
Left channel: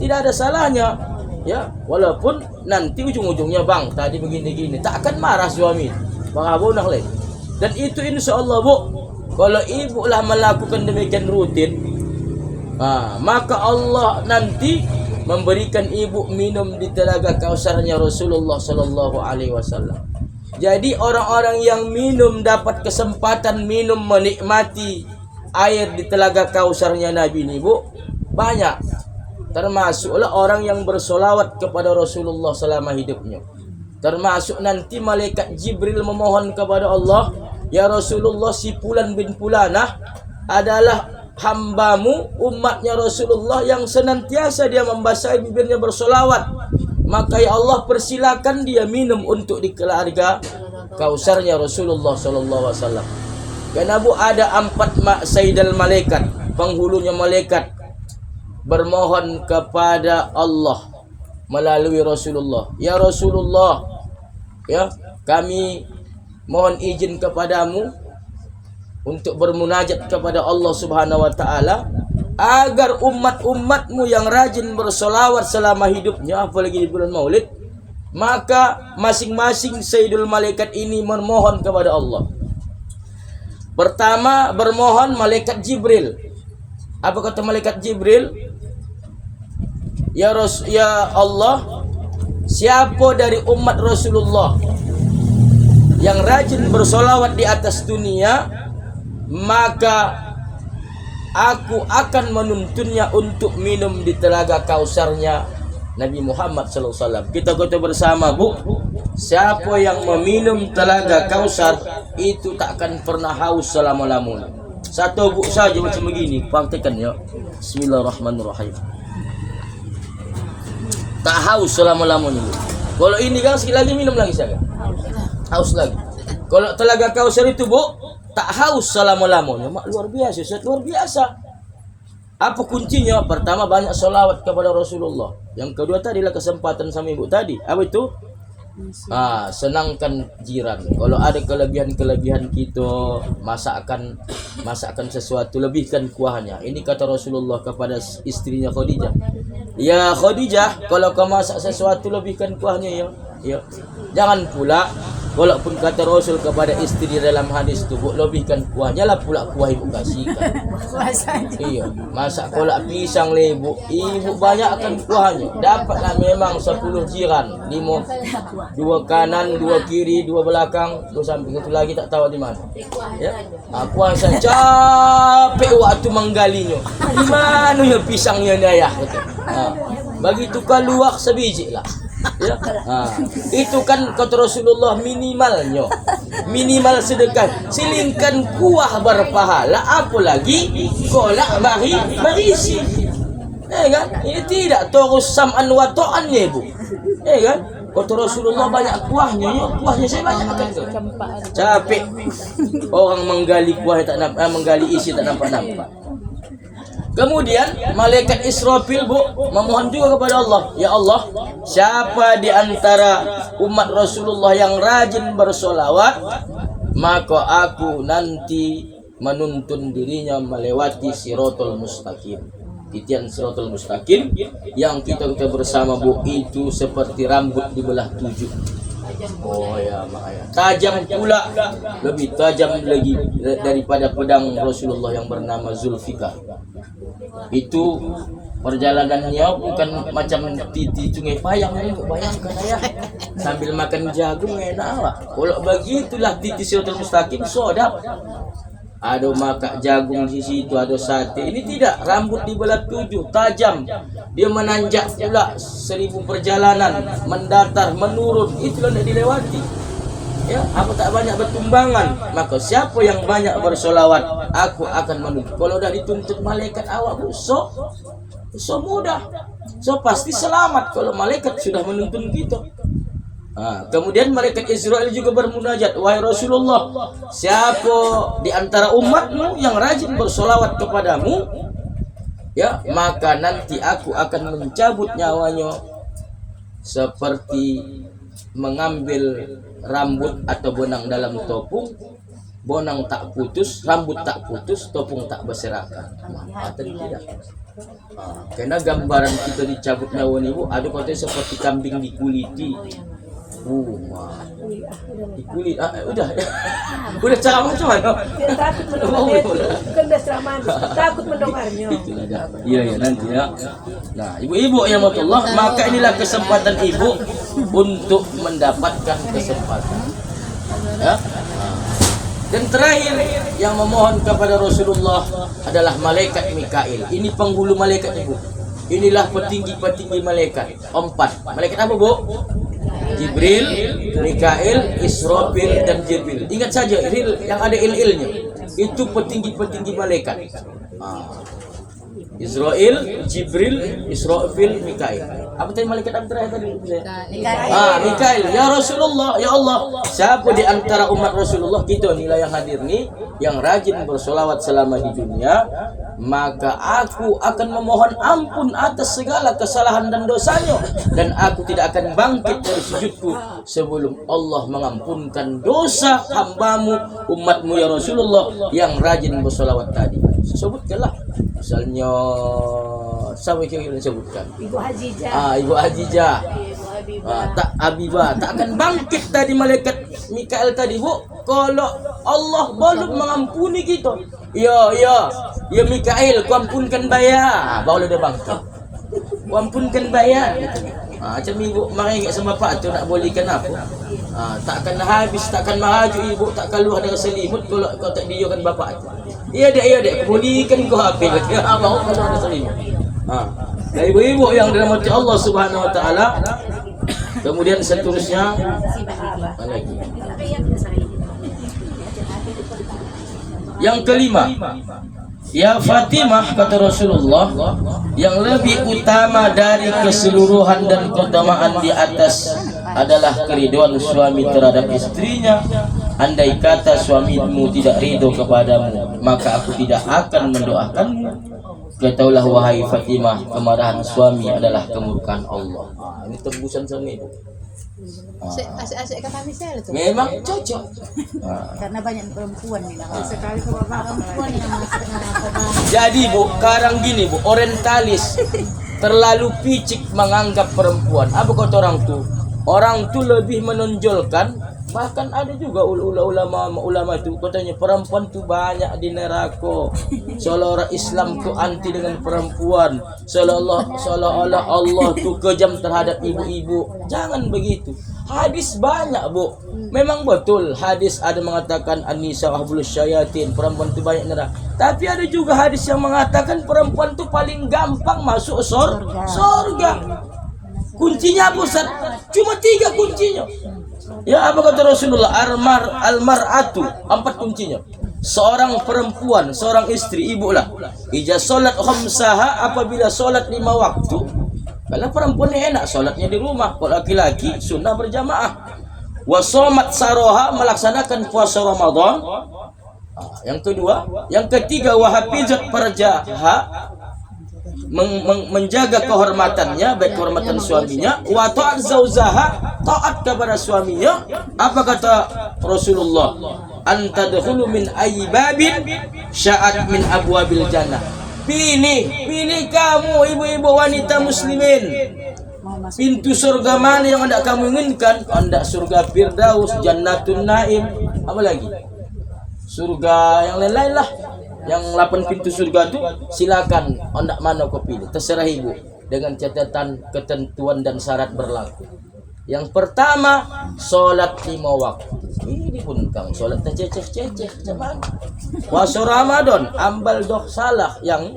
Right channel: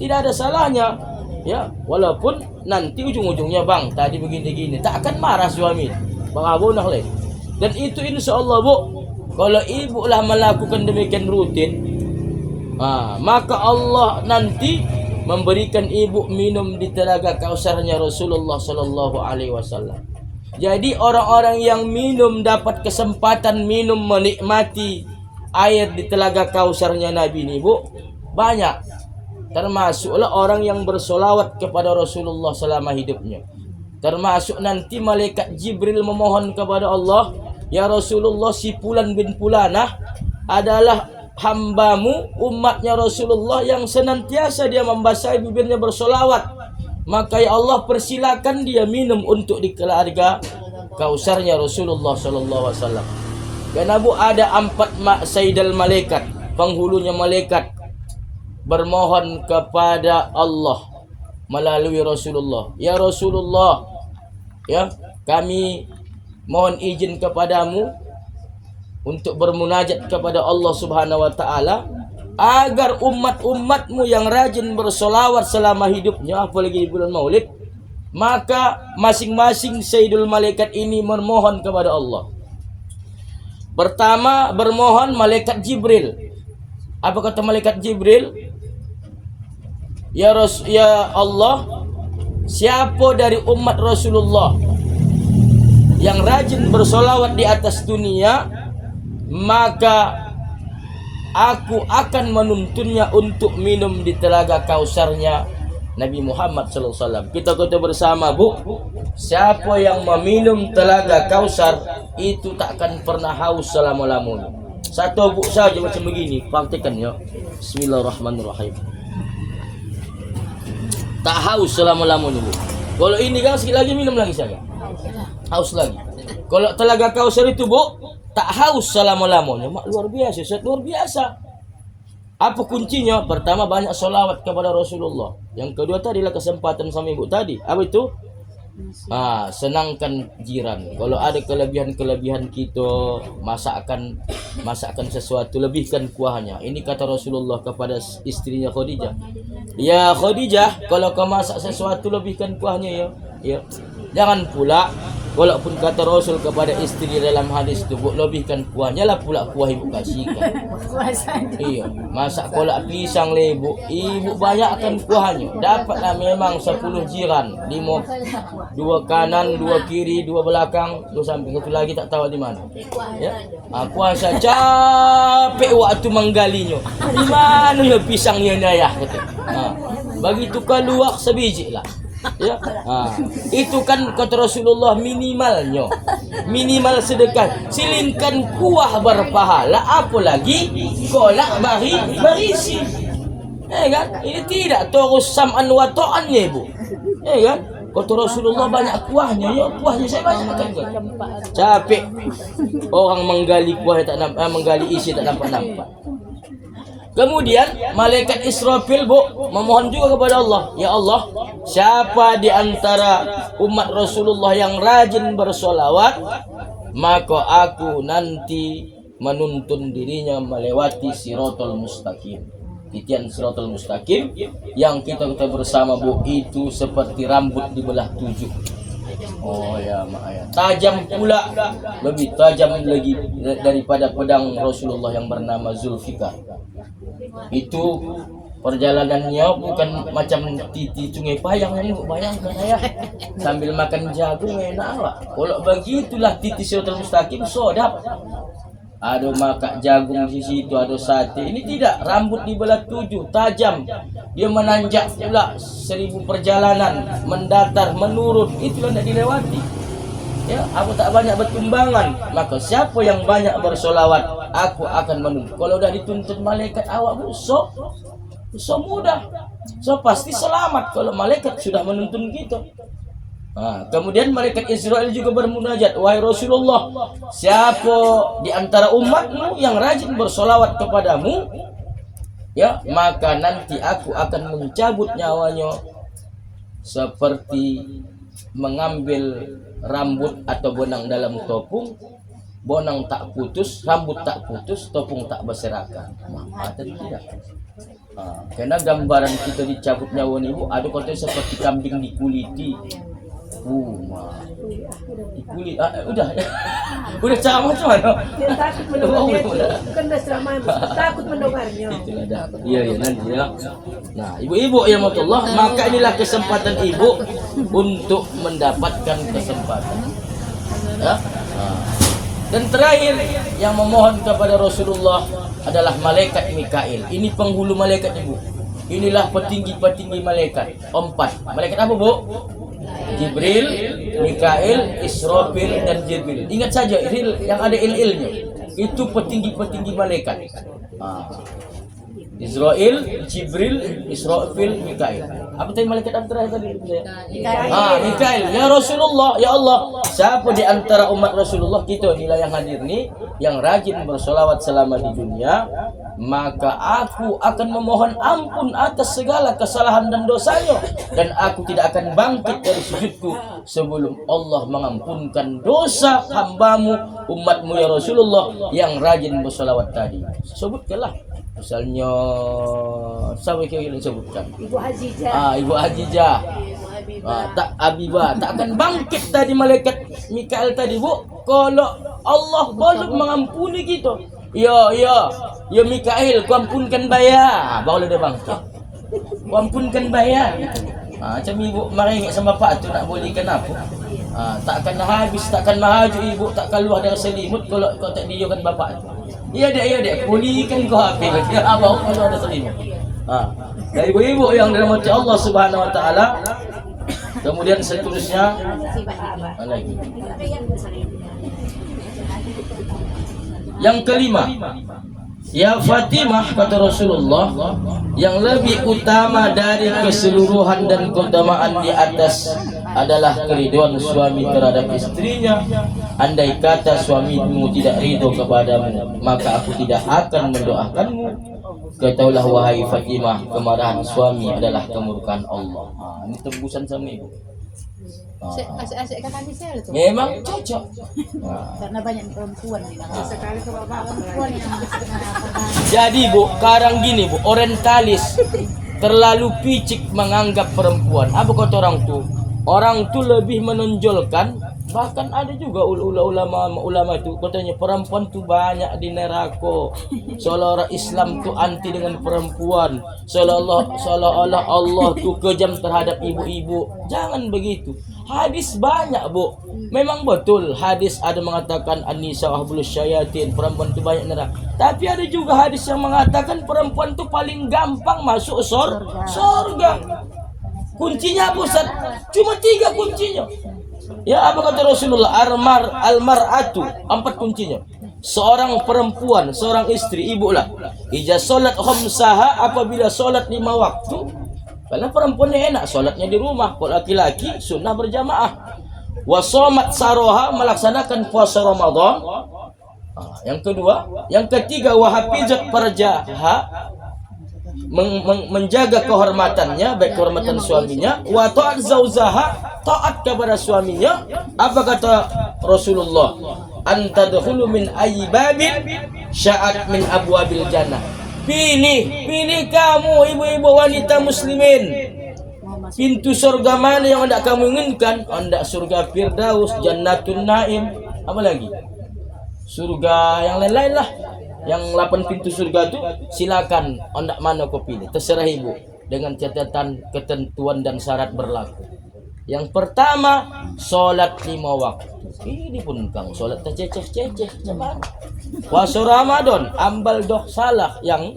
tidak ada salahnya. Ya, walaupun nanti ujung-ujungnya bang tadi begini-gini, tak akan marah suami. Bang Abu nak leh. Dan itu insya Allah, Bu, kalau ibu lah melakukan demikian rutin, maka Allah nanti memberikan ibu minum di telaga Kausarnya Rasulullah Sallallahu Alaihi Wasallam. Jadi orang-orang yang minum dapat kesempatan minum menikmati air di telaga Kausarnya Nabi ini, Bu, banyak. Termasuklah orang yang bersolawat kepada Rasulullah selama hidupnya. Termasuk nanti malaikat Jibril memohon kepada Allah, ya Rasulullah, si Fulan bin Fulanah adalah hambamu, umatnya Rasulullah yang senantiasa dia membasahi bibirnya bersolawat. Maka ya Allah persilakan dia minum untuk di telaga Kausarnya Rasulullah Sallallahu Alaihi Wasallam. Karena Bu ada 4 sayyidal malaikat, penghulunya malaikat bermohon kepada Allah melalui Rasulullah. Ya Rasulullah, ya kami mohon izin kepadamu untuk bermunajat kepada Allah Subhanahu wa taala agar umat-umatmu yang rajin bersolawat selama hidupnya, apalagi di bulan Maulid, maka masing-masing sayyidul malaikat ini memohon kepada Allah. Pertama bermohon malaikat Jibril. Apa kata malaikat Jibril? Ya Allah, siapa dari umat Rasulullah yang rajin bersolawat di atas dunia, maka aku akan menuntunnya untuk minum di telaga Kausarnya Nabi Muhammad SAW. Kita kata bersama, Bu, siapa yang meminum telaga Kausar itu tak akan pernah haus selama-lamanya. Satu Bu saja macam begini, praktekkan ya. Bismillahirrahmanirrahim. Tak haus selama-lamanya, Bu. Kalau ini kan sekali lagi minum lagi saya. Haus lagi. Kalau telaga Kausar itu, Bu, tak haus selama-lamanya. Luar biasa, luar biasa. Apa kuncinya? Pertama banyak solawat kepada Rasulullah. Yang kedua tadilah kesempatan sama ibu tadi. Apa itu? Senangkan jiran. Kalau ada kelebihan-kelebihan kita, masakan sesuatu, lebihkan kuahnya. Ini kata Rasulullah kepada istrinya Khadijah. Ya Khadijah, kalau kau masak sesuatu lebihkan kuahnya ya. Ya. Jangan pula, walaupun kata Rasul kepada istri dalam hadis itu, Bu, lebihkan kuahnya lah pula kuah ibu kasihkan. Iya, masak kolak pisang le ibu banyak akan kuahnya. Dapatlah memang 10 jiran, 5, 2 kanan, 2 kiri, 2 belakang, 2 samping, 1 lagi tak tahu di mana. Ya. Kuah saya capek waktu menggalinya. Di mana ya pisangnya ayah? Begitu keluar sebiji lah. Ya. Itu kan kata Rasulullah minimalnya, minimal sedekah. Silingkan kuah berpahala, apalagi kolak berisi. Kan? Ini tidak terus sam'an wa ta'annya, Bu. Kan? Kata Rasulullah banyak kuahnya, ya kuahnya saya banyak akan. Capek orang menggali kuah tak nampak, menggali isi tak nampak. Kemudian malaikat Israfil, Bu, memohon juga kepada Allah. Ya Allah, siapa di antara umat Rasulullah yang rajin bersolawat, maka aku nanti menuntun dirinya melewati Siratal Mustaqim. Titian Siratal Mustaqim yang kita bersama, Bu, itu seperti rambut dibelah 7. Oh ya, makanya tajam pula, lebih tajam lagi daripada pedang Rasulullah yang bernama Zulfikar. Itu perjalanannya bukan macam titi Sungai Payang ini, bayangkan ya, sambil makan jagung enak, Pak. Kalau begitulah titi Siratal Mustaqim sodap. ada makan jagung di situ, ada sate. Ini tidak, rambut dibelah 7, tajam. Dia menanjak pula 1000 perjalanan, mendatar, menurun. Itulah tidak dilewati. Ya, aku tak banyak bertumbangan, maka siapa yang banyak bersolawat, aku akan menuntut. Kalau dah dituntut malaikat awak so mudah, so pasti selamat kalau malaikat sudah menuntun kita. Kemudian malaikat Israel juga bermunajat, wahai Rasulullah, siapa di antara umatmu yang rajin bersolawat kepadamu, ya, maka nanti aku akan mencabut nyawanya seperti mengambil rambut atau bonang dalam topung. Bonang tak putus, rambut tak putus, topung tak berserakan. Atau tidak? Karena gambaran kita dicabut nyawa ibu, ada kata seperti kambing dikuliti. Dikulit, udah ceramah macam mana? Takut mendengarnya itu, bukan udah ceramah, takut mendengarnya. Iya nanti ya. Nah, ibu-ibu yang Allah, maka inilah kesempatan ibu untuk mendapatkan kesempatan. Ya? Dan terakhir yang memohon kepada Rasulullah adalah malaikat Mikail. Ini penghulu malaikat ibu. Inilah petinggi-petinggi malaikat. 4. Malaikat apa bu? Jibril, Mikail, Israfil dan Jibril. Ingat saja, yang ada il-ilnya. Itu petinggi-petinggi malaikat. Israel, Jibril, Israfil, Mikail. Apa tadi malaikat yang terakhir tadi? Mikail. Ya Rasulullah, ya Allah, siapa di antara umat Rasulullah kita nilai yang hadir nih yang rajin bersolawat selama di dunia, maka aku akan memohon ampun atas segala kesalahan dan dosanya, dan aku tidak akan bangkit dari sujudku sebelum Allah mengampunkan dosa hambamu, umatmu ya Rasulullah yang rajin bersolawat tadi. Sebutkanlah misalnya siapa yang disebutkan? Ibu Hajijah. Ibu Hajijah. Tak Abibah, tak akan bangkit tadi malaikat Mikail tadi bu, kalau Allah belum mengampuni kita. Ya Mikail, kau ampunkan bayar, baru dia bangkit. Kau ampunkan bayar. Macam ibu mari sama bapak tu nak bolehkan aku. Takkan habis, takkan maju ibu, tak keluar dari selimut kalau kau tak diakan bapak tu. Ya dek, bolehkan kau habis. Baru keluar dari selimut. Dan ibu-ibu yang dirahmati Allah Subhanahu wa taala. Kemudian seterusnya apa lagi? Yang kelima, ya Fatimah, kata Rasulullah, yang lebih utama dari keseluruhan dan keutamaan di atas adalah keridhaan suami terhadap istrinya. Andai kata suamimu tidak ridho kepadamu, maka aku tidak akan mendoakanmu. Ketahuilah wahai Fatimah, kemarahan suami adalah kemurkaan Allah. Ini tebusan suami ibu. Asik-asik kata misal itu. Memang cocok. Karena banyak perempuan nih. Sekali perempuan yang masuk. Jadi bu, sekarang gini bu, orientalis terlalu picik menganggap perempuan. Apa kata orang tuh? Orang tuh lebih menonjolkan. Bahkan ada juga ulama itu katanya perempuan tuh banyak di neraka. Seolah orang Islam tuh anti dengan perempuan. Seolah-olah Allah tuh kejam terhadap ibu-ibu. Jangan begitu. Hadis banyak bu. Memang betul hadis ada mengatakan an-nisa ahbulus syayatin, perempuan tuh banyak neraka. Tapi ada juga hadis yang mengatakan perempuan tuh paling gampang masuk surga. Kuncinya apa Ustaz? Cuma 3 kuncinya. Ya apa kata Rasulullah? Al-mar'atu, 4 kuncinya. Seorang perempuan, seorang istri, ibu lah. Ija solat khamsaha, apabila solat 5 waktu. Karena perempuan enak solatnya di rumah. Kalau laki-laki sunnah berjamaah. Wasomat saroha, melaksanakan puasa Ramadan. Yang kedua, yang ketiga wahafizat farjaha, menjaga kehormatannya, baik kehormatan suaminya, wa ta'at zauzaha, taat kepada suaminya. Apa kata Rasulullah? Antadkhulu min ayyibabin sya'at min abwabil jannah. Pilih kamu ibu-ibu wanita muslimin, pintu surga mana yang hendak kamu inginkan? Hendak surga Firdaus, Jannatun Naim, apa lagi? Surga yang lain-lain lah. Yang 8 pintu surga itu silakan hendak mana kau pilih, terserah ibu, dengan catatan ketentuan dan syarat berlaku. Yang pertama, solat 5 waktu. Ini pun kang sholat terceceh-ceceh cuman. Puasa Ramadan ambal dok salah yang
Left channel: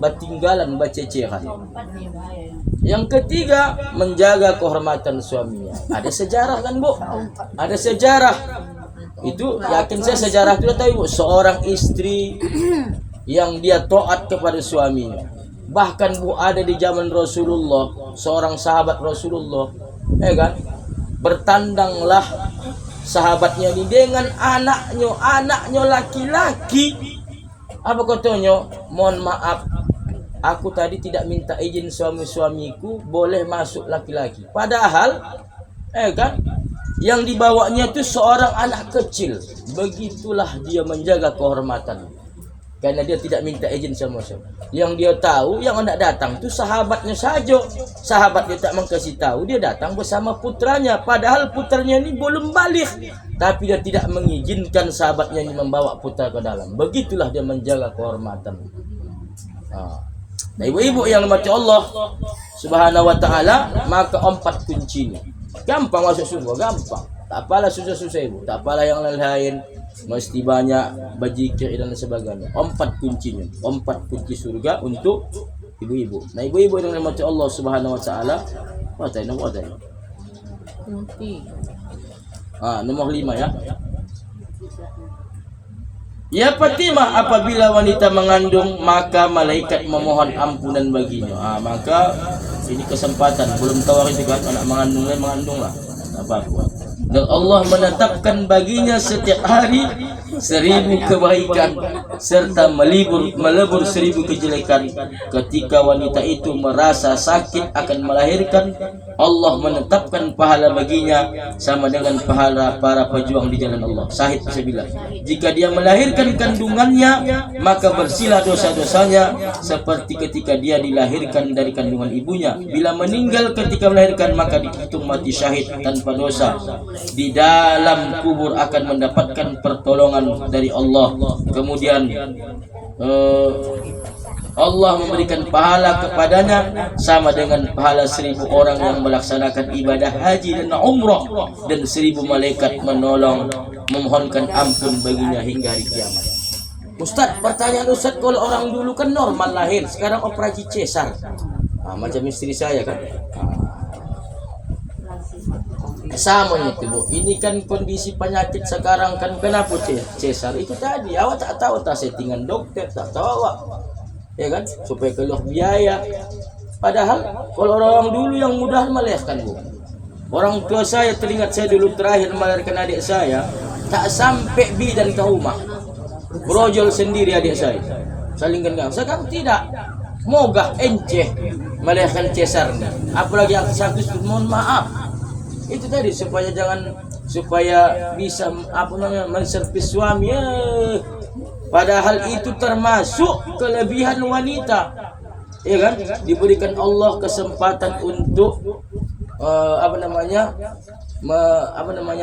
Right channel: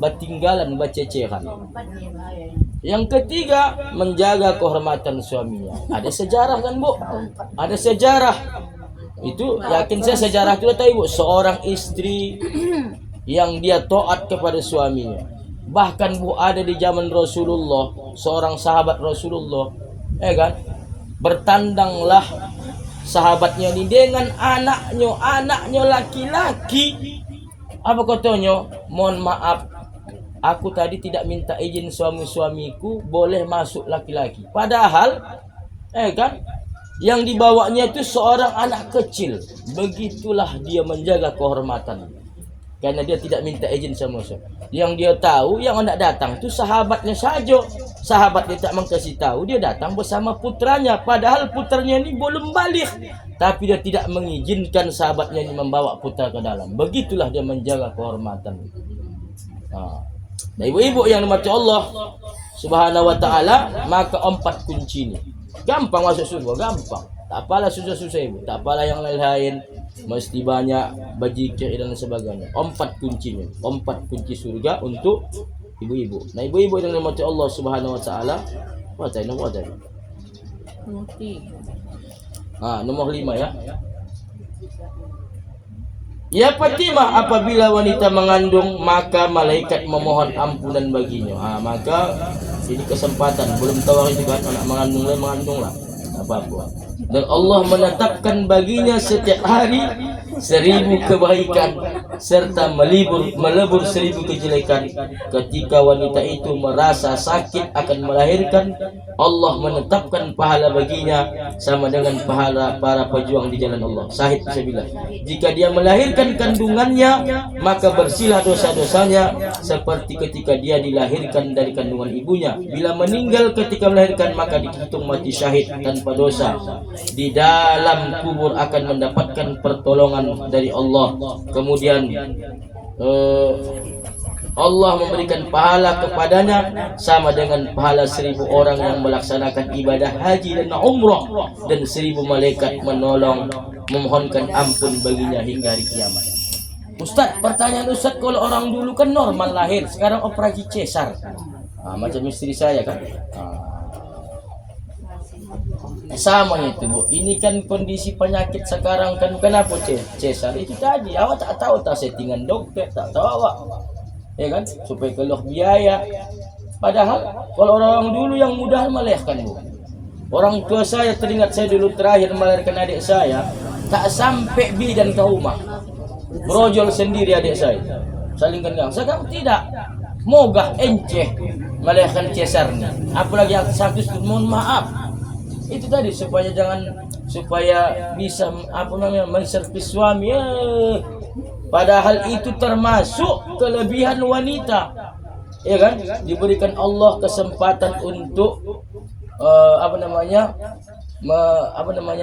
batinggalan bacecehan. Yang ketiga, menjaga kehormatan suaminya. Ada sejarah kan Bu? Ada sejarah. Itu yakin saya sejarah itu tahu Bu, seorang istri yang dia taat kepada suaminya. Bahkan Bu ada di zaman Rasulullah, seorang sahabat Rasulullah, kan? Bertandanglah sahabatnya ini dengan anaknya laki-laki. Apa katanya? Mohon maaf, aku tadi tidak minta izin suamiku, boleh masuk laki-laki. Padahal, kan? Yang dibawanya itu seorang anak kecil. Begitulah dia menjaga kehormatan. Karena dia tidak minta izin sama siapa. Yang dia tahu, yang hendak datang itu sahabatnya saja. Sahabatnya tak mengkasih tahu, dia datang bersama putranya. Padahal putranya ini belum balik. Tapi dia tidak mengizinkan sahabatnya ini membawa putra ke dalam. Begitulah dia menjaga kehormatan. Nah, ibu-ibu yang dimati Allah Subhanahu wa ta'ala, maka 4 kuncinya. Gampang masuk surga, gampang. Tak apalah susah-susah ibu, tak apalah yang lain-lain. Mesti banyak berzikir dan sebagainya. 4 kuncinya, 4 kunci surga untuk ibu-ibu. Nah, ibu-ibu yang dimati Allah Subhanahu wa ta'ala, nomor 5 ya. Ya Fatimah, apabila wanita mengandung maka malaikat memohon ampunan baginya. Maka ini kesempatan, belum tahu itu kan anak mengandung lah apa-apa. Dan Allah menetapkan baginya setiap hari 1000 kebaikan serta melebur 1000 kejelekan. Ketika wanita itu merasa sakit akan melahirkan, Allah menetapkan pahala baginya sama dengan pahala para pejuang di jalan Allah. Sahih fisabilillah. Jika dia melahirkan kandungannya, maka bersihlah dosa-dosanya seperti ketika dia dilahirkan dari kandungan ibunya. Bila meninggal ketika melahirkan, maka dihitung mati syahid tanpa dosa. Di dalam kubur akan mendapatkan pertolongan dari Allah. Kemudian Allah memberikan pahala kepadanya sama dengan pahala 1000 orang yang melaksanakan ibadah haji dan umrah, dan 1000 malaikat memohonkan ampun baginya hingga hari kiamat. Ustaz, pertanyaan Ustaz, kalau orang dulu kan normal lahir, sekarang operasi cesar. Macam istri saya kan. Sama itu Bu, ini kan kondisi penyakit sekarang kan, kenapa cesar itu tadi awak tak tahu, tak settingan dokter, tak tahu awak, ya kan, supaya keluar biaya. Padahal kalau orang dulu yang mudah melahirkan Bu, orang tua saya teringat saya dulu terakhir melahirkan adik saya, tak sampai bidan ke rumah, brojol sendiri adik saya, salingkan gang. Sekarang tidak, mogah enceh melahirkan cesar nih, apalagi yang satu, mohon maaf. Itu tadi supaya bisa menservis suami. Padahal itu termasuk kelebihan wanita, ya kan? Diberikan Allah kesempatan untuk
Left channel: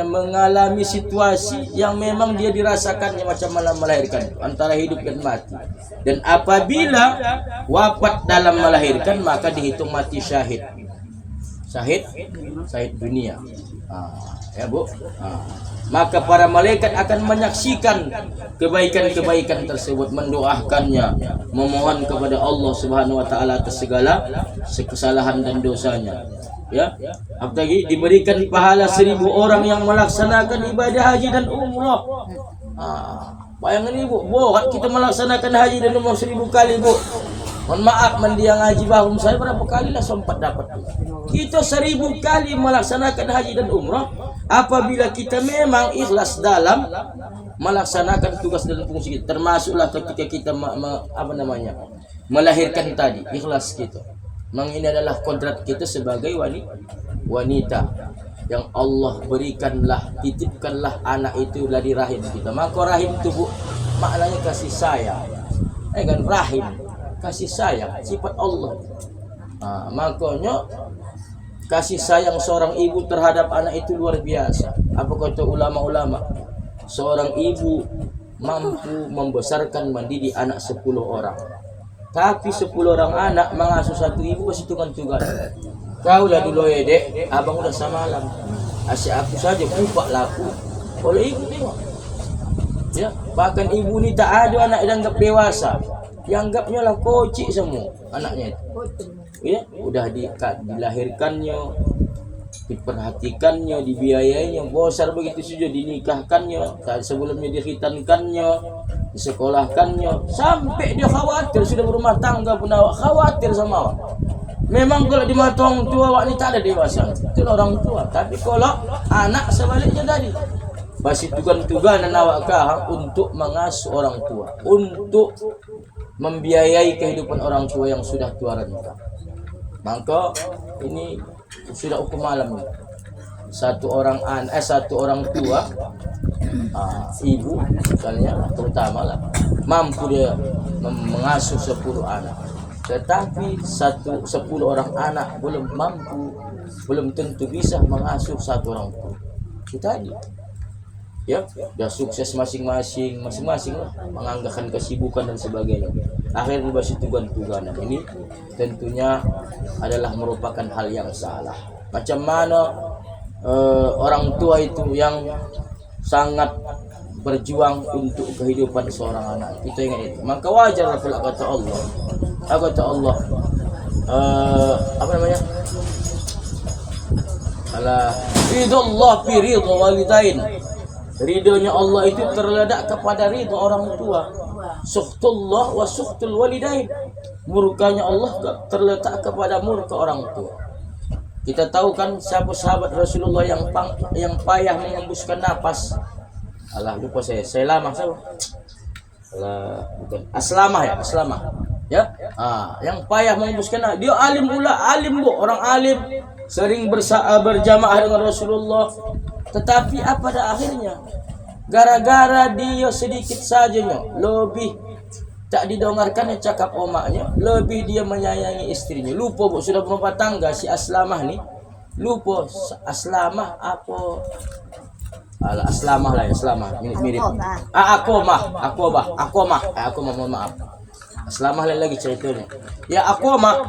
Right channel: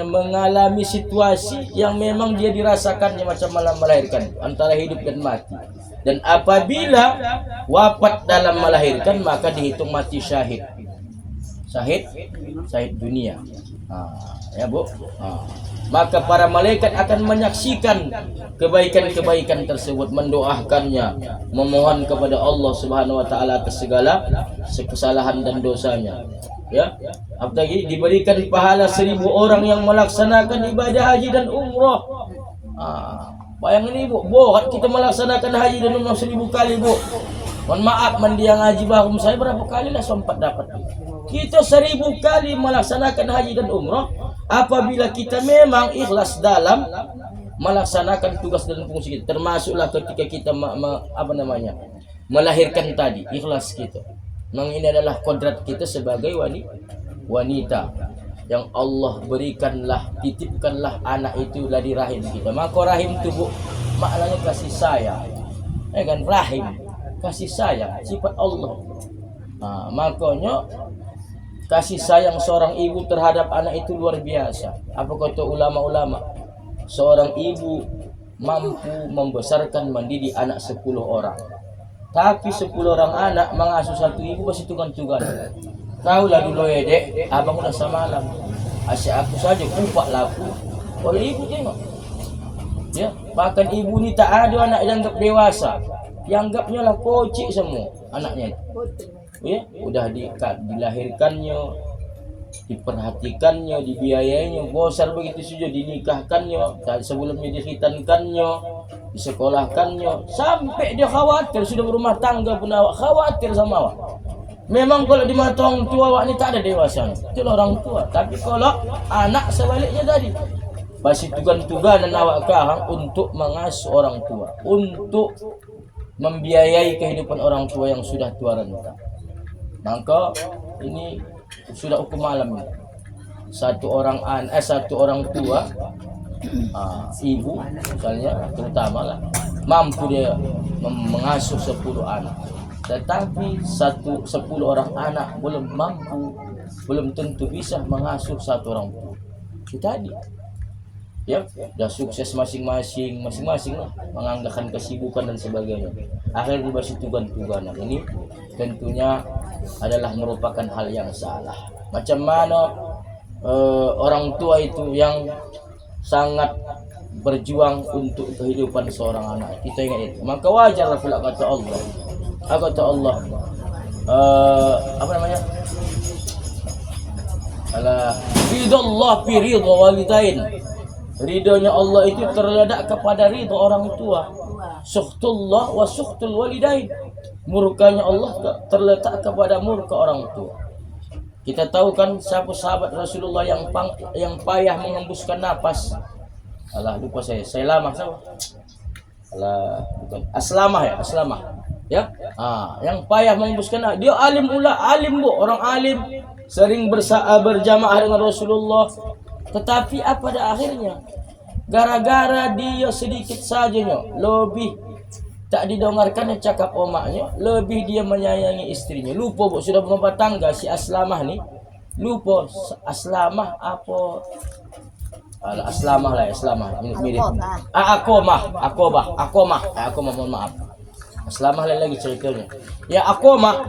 mengalami situasi yang memang dia dirasakannya macam melahirkan, antara hidup dan mati. Dan apabila wafat dalam melahirkan, maka dihitung mati syahid. Syahid dunia. Ya Bu. Maka para malaikat akan menyaksikan kebaikan-kebaikan tersebut, mendoakannya, memohon kepada Allah Subhanahu wa taala atas segala kesalahan dan dosanya. Ya. Apalagi diberikan pahala 1000 orang yang melaksanakan ibadah haji dan umrah. Bayangkan Ibu, kita melaksanakan haji dan umrah 1000 kali, Bu. Mohon maaf, mendiang haji bahum saya berapa kali lah sempat dapat. Kita 1000 kali melaksanakan haji dan umrah apabila kita memang ikhlas dalam melaksanakan tugas dan fungsi kita, termasuklah ketika kita melahirkan tadi, ikhlas kita. Memang ini adalah kodrat kita sebagai wanita yang Allah berikanlah, titipkanlah anak itu dari rahim kita. Maka rahim itu Bu, maknanya kasih sayang, kan? Rahim, kasih sayang, sifat Allah. Makanya kasih sayang seorang ibu terhadap anak itu luar biasa. Apa kata ulama-ulama? Seorang ibu mampu membesarkan mendidik anak 10 orang. Tapi 10 orang anak mengasuh satu ibu pasti tugas. Kau lah dulu ya dek, abang udah semalam. Asyik aku saja kupak laku. oleh ibu tengok. Ya, bahkan ibu ni tak ada anak dianggap dewasa. Dianggapnya lah kocik semua anaknya itu. Ya, udah dilahirkannya, diperhatikannya, dibiayainya, besar begitu saja, dinikahkannya, sebelumnya dikhitankannya, disekolahkannya, sampai dia khawatir sudah berumah tangga pun awak khawatir sama awak. Memang kalau di mata orang tua awak ni tak ada dewasa, itulah orang tua. Tapi kalau anak sebaliknya tadi, masih tugan-tuganan awak kahang untuk mengasuh orang tua, untuk membiayai kehidupan orang tua yang sudah tua renta. Maka ini sudah hukum alam ini. Satu orang tua, ibu misalnya terutama lah, mampu dia mengasuh 10 anak. Tetapi 10 orang anak belum mampu, belum tentu bisa mengasuh satu orang tua. Itu tadi. Ya, dah sukses masing-masing lah, menganggarkan kesibukan dan sebagainya. Akhirnya masih tugan-tuganan. Ini tentunya adalah merupakan hal yang salah. Macam mana orang tua itu yang sangat berjuang untuk kehidupan seorang anak, kita ingat itu. Maka wajar pula kata Allah. Apa namanya? Ridallah fi ridha walidain. Ridhonya Allah itu terletak kepada ridho orang tua. Sukhtullah wa sukhtul walidain. Murkanya Allah terletak kepada murka orang tua. Kita tahu kan siapa sahabat Rasulullah yang payah mengembuskan napas. Alah lupa saya lama siapa? Alah bukan Aslamah ya, Aslamah. Ya. Yang payah mengembuskan napas. Dia alim pula, alim bu, orang alim, sering berjamaah dengan Rasulullah. Tetapi apa pada akhirnya? Gara-gara dia sedikit saja lebih tak didengarkan cakap omaknya, lebih dia menyayangi istrinya. Lupa sudah berumah tangga si Aslamah ni. Lupa Aslamah apa? Aslamah lah, Aslamah. Mirip. Akomah, mohon maaf. Aslamah lagi ceritanya. Ya Akomah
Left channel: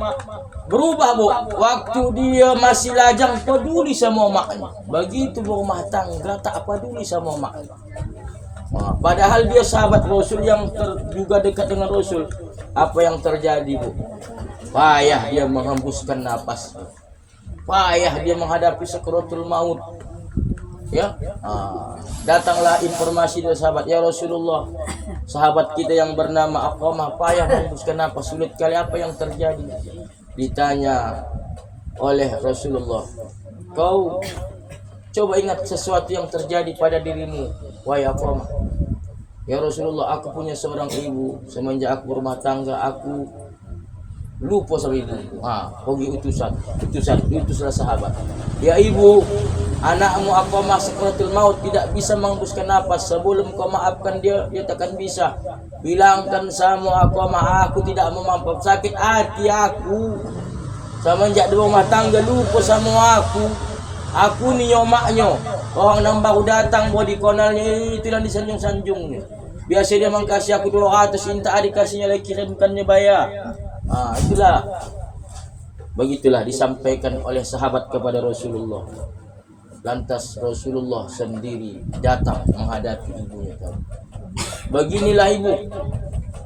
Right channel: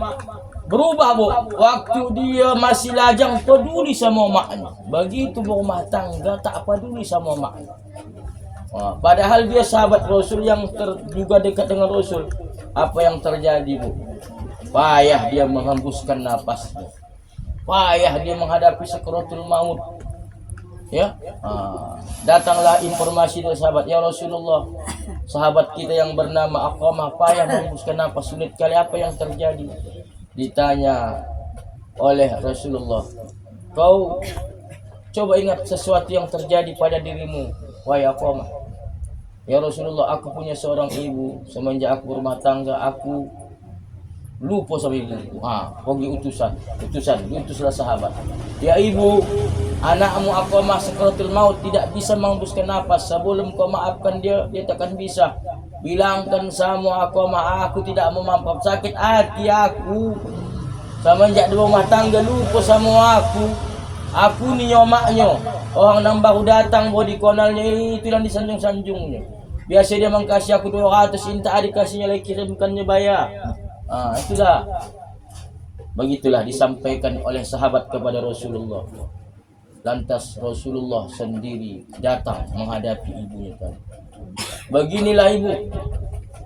berubah bu, waktu dia masih lajang peduli sama maknya. Begitu berumah tangga tak peduli sama maknya. Padahal dia sahabat Rasul yang juga dekat dengan Rasul. Apa yang terjadi bu? Payah dia menghembuskan napas, payah dia menghadapi sakaratul maut. Ya, datanglah informasi dari sahabat, ya Rasulullah, sahabat kita yang bernama Aqamah payah menghembuskan napas, sulit kali, apa yang terjadi? Ditanya oleh Rasulullah, kau coba ingat sesuatu yang terjadi pada dirimu, wahai Aqamah. Ya Rasulullah, aku punya seorang ibu, semenjak aku berumah tangga aku lupa sama ibu. Pergi utuslah sahabat. Ya ibu, anakmu Aqamah sakaratul maut, tidak bisa menghembuskan napas. Sebelum kau maafkan dia takkan bisa. Bilangkan sama Aqamah, aku tidak mau mampu, sakit hati aku. Semenjak di rumah tangga lupa sama aku. Aku ni nyomaknya. Orang yang baru datang buat dikonalnya itu yang disanjung-sanjungnya. Biasa dia mengkasih aku 200, minta dikasihnya lagi, bukannya bayar. Itulah. Begitulah disampaikan oleh sahabat kepada Rasulullah. Lantas Rasulullah sendiri datang menghadapi ibunya tadi. Beginilah ibu,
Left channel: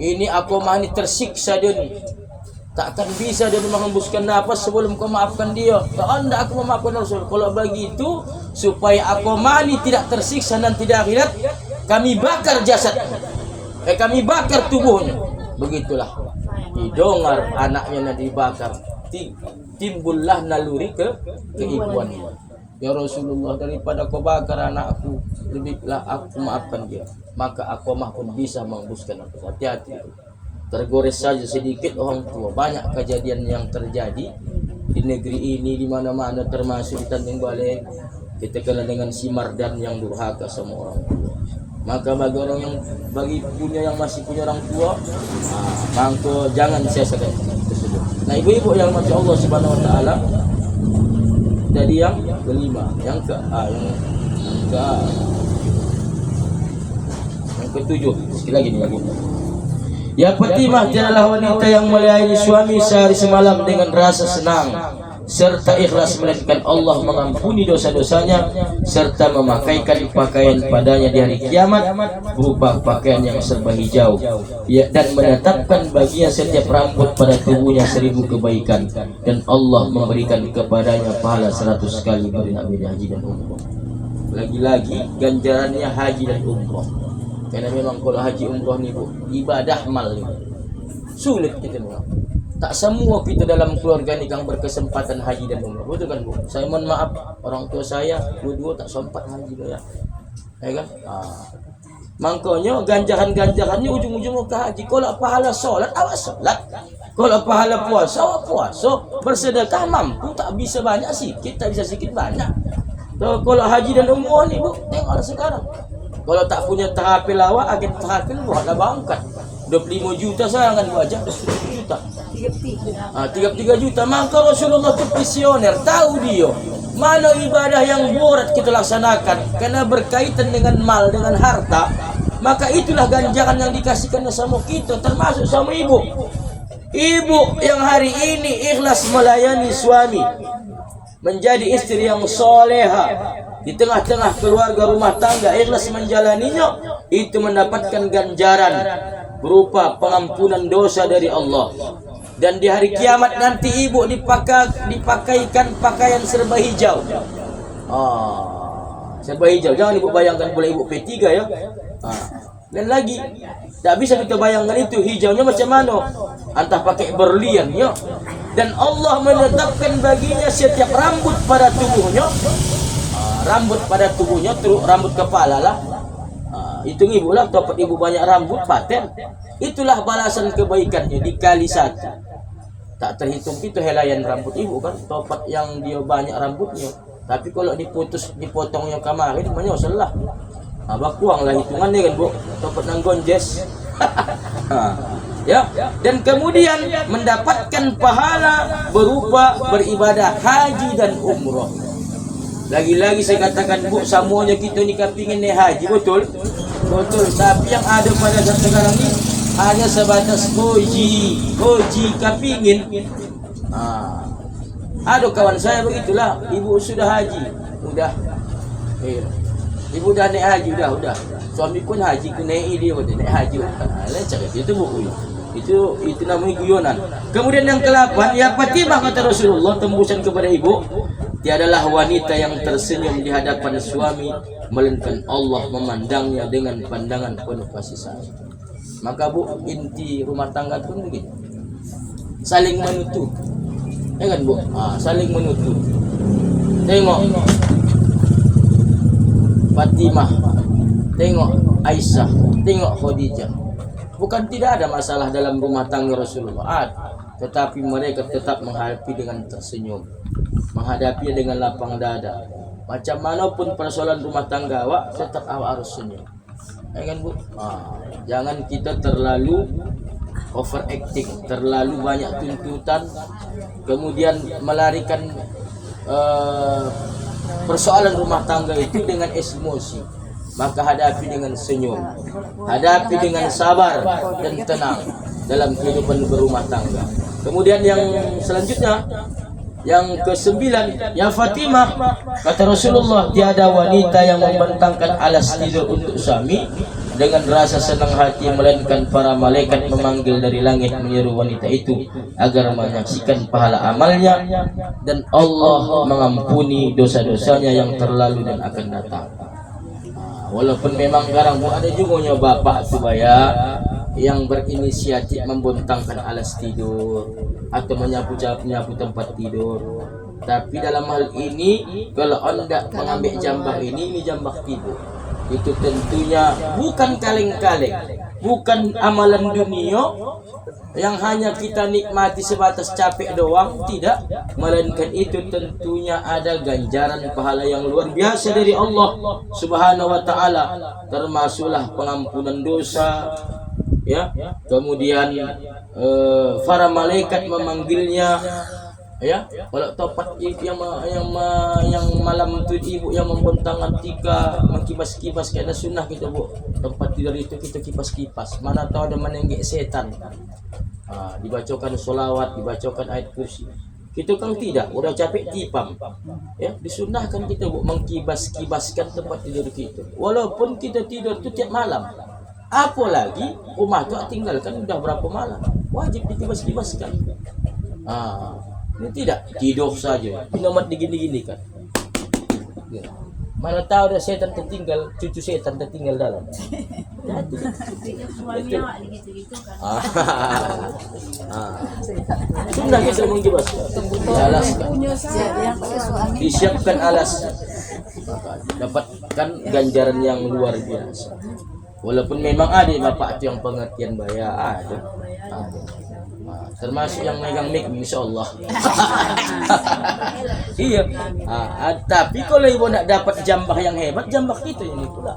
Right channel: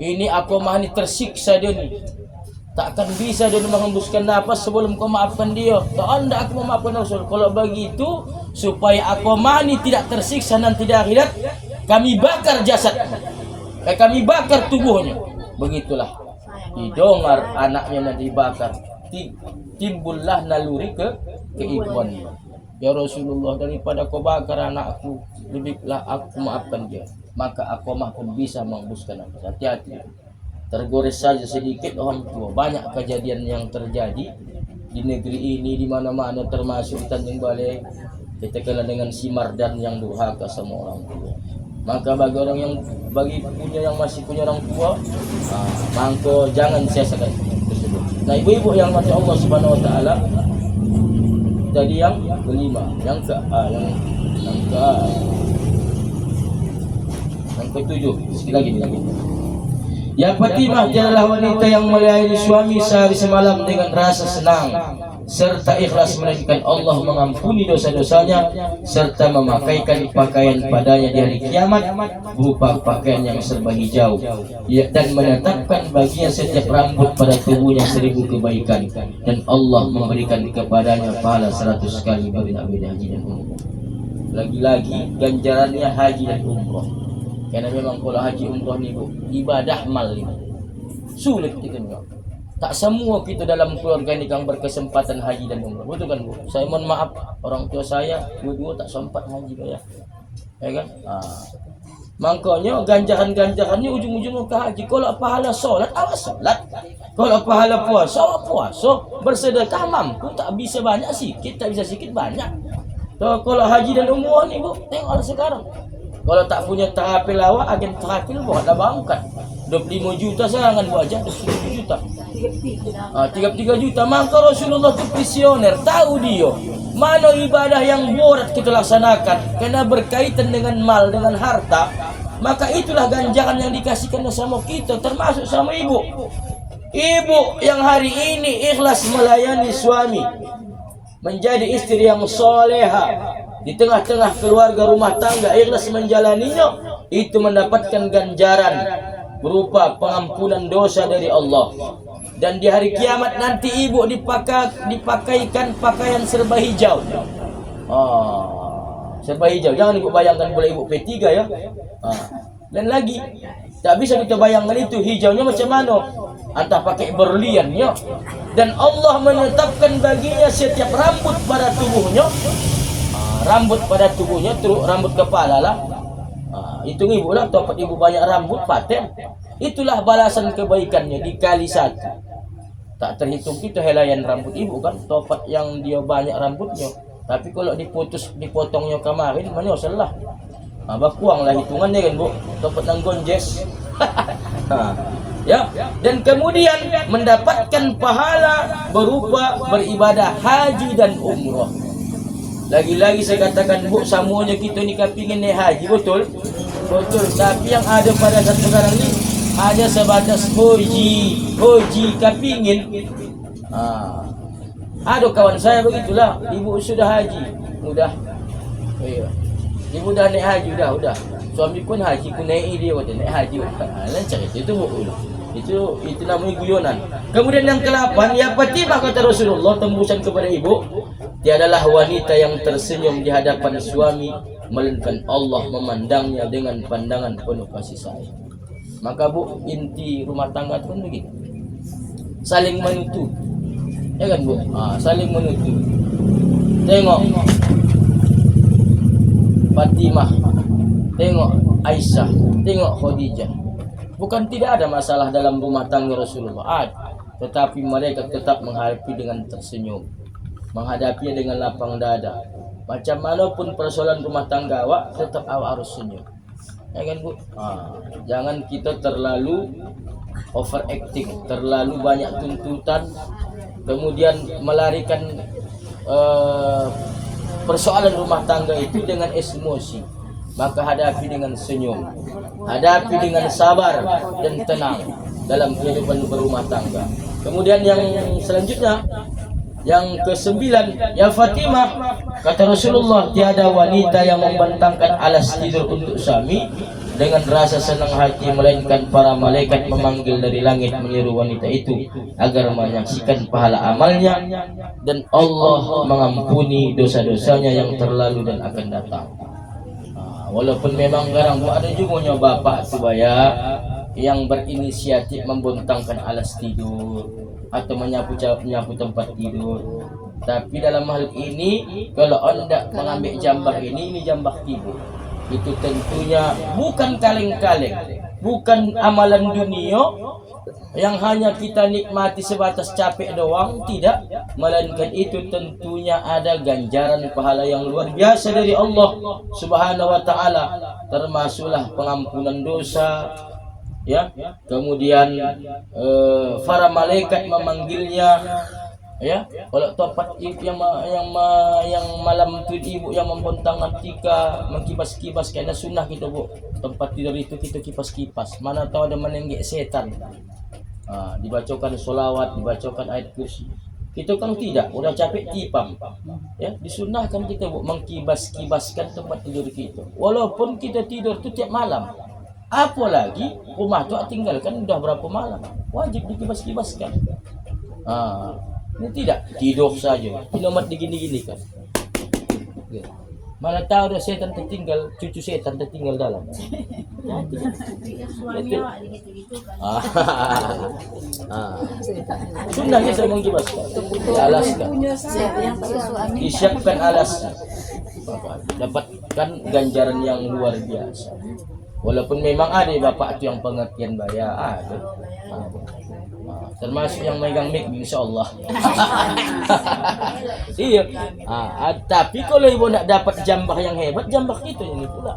ini Aqamah ini tersiksa dia ni. Takkan bisa dia menghembuskan napas sebelum kau maafkan dia. Tak ada aku memaafkan Rasul. Kalau begitu, supaya Aqamah ini tidak tersiksa nanti di akhirat, kami bakar jasadnya. Kami bakar tubuhnya. Begitulah. Didengar anaknya nanti dibakar. Timbullah naluri keibuannya. Ya Rasulullah, daripada kau bakar anakku, lebihlah aku maafkan dia. Maka Aqamah pun bisa menghembuskan napas. Hati-hati. Tergores saja sedikit orang tua. Banyak kejadian yang terjadi di negeri ini, di mana-mana, termasuk di Tanjung Balai. Kita kena dengan si Mardan yang durhaka sama orang tua. Maka bagi orang yang yang masih punya orang tua, maka jangan sia-siakan itu. Nah ibu-ibu yang mati Allah Subhanahu Wa Taala, tadi yang kelima, yang ketujuh. Sekali lagi. Ya Fatimah adalah wanita yang melayani suami sehari semalam dengan rasa senang. serta ikhlas melainkan Allah mengampuni dosa-dosanya, serta memakaikan pakaian padanya di hari kiamat berupa pakaian yang serba hijau, ya, dan menetapkan baginya setiap rambut pada tubuhnya 1000 kebaikan, dan Allah memberikan kepadanya pahala 100 kali beribadah haji dan umrah. Lagi-lagi ganjarannya haji dan umrah, karena memang kalau haji umrah ni ibadah mal ni sulit kita bilang. Tak semua kita dalam keluarga ni yang berkesempatan haji dan umrah. Betul kan? Saya mohon maaf, orang tua saya dua-dua tak sempat haji bayar. Ya kan? Makanya ganjaran-ganjarannya ujung-ujungnya ke haji. Kalau pahala solat, awak solat. Kalau pahala puasa, awak puasa. Bersedekah mampu, tak bisa banyak sikit, tak bisa sikit banyak. So, kalau haji dan umrah ni bu, tengok sekarang. Kalau tak punya terapil awak, agen terapil buatlah bangkat. 25 juta serangan wajah, 20 juta. 33 juta. Maka Rasulullah itu visioner, tahu dia mana ibadah yang berat kita laksanakan karena berkaitan dengan mal, dengan harta. Maka itulah ganjaran yang dikasihkan sama kita, termasuk sama ibu. Ibu yang hari ini ikhlas melayani suami, menjadi istri yang soleha di tengah-tengah keluarga rumah tangga, ikhlas menjalaninya, itu mendapatkan ganjaran berupa pengampunan dosa dari Allah. Dan di hari kiamat nanti ibu dipakaikan pakaian serba hijau. Serba hijau. Jangan ibu bayangkan boleh ibu P3 ya. Dan lagi tak bisa kita bayangkan itu hijaunya macam mana. Entah pakai berlian ya. Dan Allah menetapkan baginya setiap rambut pada tubuhnya. Rambut pada tubuhnya, rambut kepala lah. Hitung ibu lah, topat ibu banyak rambut paten. Itulah balasan kebaikannya dikali 1. Tak terhitung kita helaian rambut ibu kan, topat yang dia banyak rambutnya. Tapi kalau dipotongnya kemarin, menyosol lah. Bakuang lah hitungannya kan bu, topat nang gonjes. Ya, dan kemudian mendapatkan pahala berupa beribadah haji dan umrah. Lagi-lagi saya katakan bu, semuanya kita ni kepingin naik haji, betul? Betul. Tapi yang ada pada saat sekarang ni hanya sebatas hoji kepingin. Ada kawan saya begitulah, ibu sudah haji, udah. Iya. Ibu dah naik haji, udah. Suami pun haji, ku naik dia udah naik haji. Lancar itu bu. Itu namanya guyonan. Kemudian yang ke-8, ya Fatimah kata Rasulullah tembusan kepada ibu, tiadalah wanita yang tersenyum di hadapan suami melainkan Allah memandangnya dengan pandangan penuh kasih sayang. Maka bu, inti rumah tangga pun begitu, saling menutup, ya kan bu? Saling menutup. Tengok Fatimah, tengok Aisyah, tengok Khadijah. Bukan tidak ada masalah dalam rumah tangga Rasulullah, tetapi mereka tetap menghadapi dengan tersenyum, menghadapi dengan lapang dada. Macam manapun persoalan rumah tangga awak, tetap awak harus senyum. Ya kan bu? Jangan kita terlalu overacting, terlalu banyak tuntutan, kemudian melarikan persoalan rumah tangga itu dengan emosi. Maka hadapi dengan senyum, hadapi dengan sabar dan tenang dalam kehidupan berumah tangga. Kemudian yang selanjutnya, yang ke-9, ya Fatimah kata Rasulullah, tiada wanita yang membentangkan alas tidur untuk suami dengan rasa senang hati, melainkan para malaikat memanggil dari langit menyeru wanita itu agar menyaksikan pahala amalnya, dan Allah mengampuni dosa-dosanya yang terlalu dan akan datang. Walaupun memang garang bu, ada juga bapak tu yang berinisiatif membentangkan alas tidur atau menyapu tempat tidur. Tapi dalam hal ini, kalau anda mengambil jambah ini jambah tidur, itu tentunya bukan kaleng-kaleng, bukan amalan dunia yang hanya kita nikmati sebatas capek doang, tidak, melainkan itu tentunya ada ganjaran pahala yang luar biasa dari Allah Subhanahu wa taala, termasuklah pengampunan dosa, ya. Kemudian para malaikat memanggilnya, ya. Kalau topat yang malam itu ibu yang membentang antika, mengkibas-kibas karena sunnah kita bu, tempat tidur itu kita kipas-kipas, mana tahu ada menenggik setan. Dibacakan solawat, dibacakan ayat kursi. Kita kan tidak, udah capek tipam. Ya, disunahkan kita Bu mengkibas-kibaskan tempat tidur kita. Walaupun kita tidur itu tiap malam. Apalagi rumah tu tinggalkan udah berapa malam. Wajib dikibas-kibaskan. Ini tidak tidur saja. Minuman digini-gini kan. Mana tahu dah setan tertinggal, cucu setan tertinggal dalam. Suami awak gitu-gitu kan. Sunnah kita mengkibaskan. Alaskan. Siapa yang pakai suami? Disiapkan alasnya. Dapatkan ganjaran yang luar biasa. Walaupun memang ada bapak itu yang pengertian bayar, ada. Termasuk yang megang mic, insya-Allah. Iya. Tapi kalau ibu nak dapat jambah yang hebat, jambah kita ini pula.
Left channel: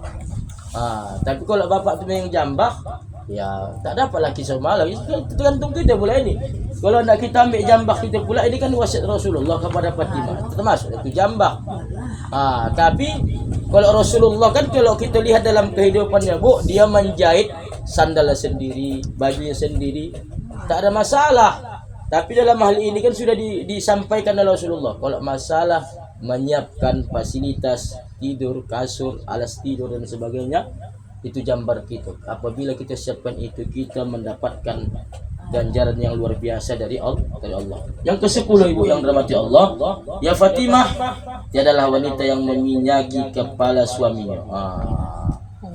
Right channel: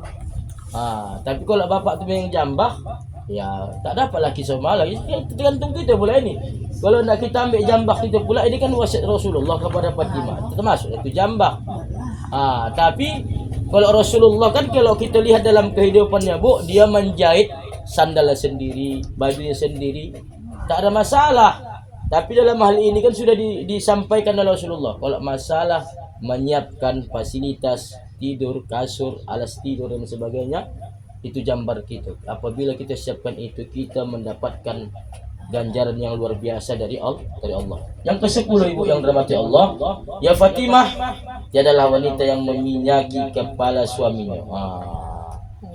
Tapi kalau bapak tu yang jambah, ya tak dapat lagi semua lagi. Tergantung kita pula ini. Kalau nak kita ambil jambah kita pula, ini kan wasiat Rasulullah kepada Fatimah. Termasuk itu jambah. Tapi kalau Rasulullah kan kalau kita lihat dalam kehidupannya Bu, dia menjahit sandalnya sendiri, bajunya sendiri. Tak ada masalah. Tapi dalam hal ini kan sudah disampaikan oleh Rasulullah. Kalau masalah menyiapkan fasilitas tidur, kasur, alas tidur dan sebagainya, itu jambar kita. Apabila kita siapkan itu, kita mendapatkan ganjaran yang luar biasa dari Allah. Yang ke-10 Ibu yang dirahmati Allah, ya Fatimah, dia adalah wanita yang meminyaki kepala suaminya.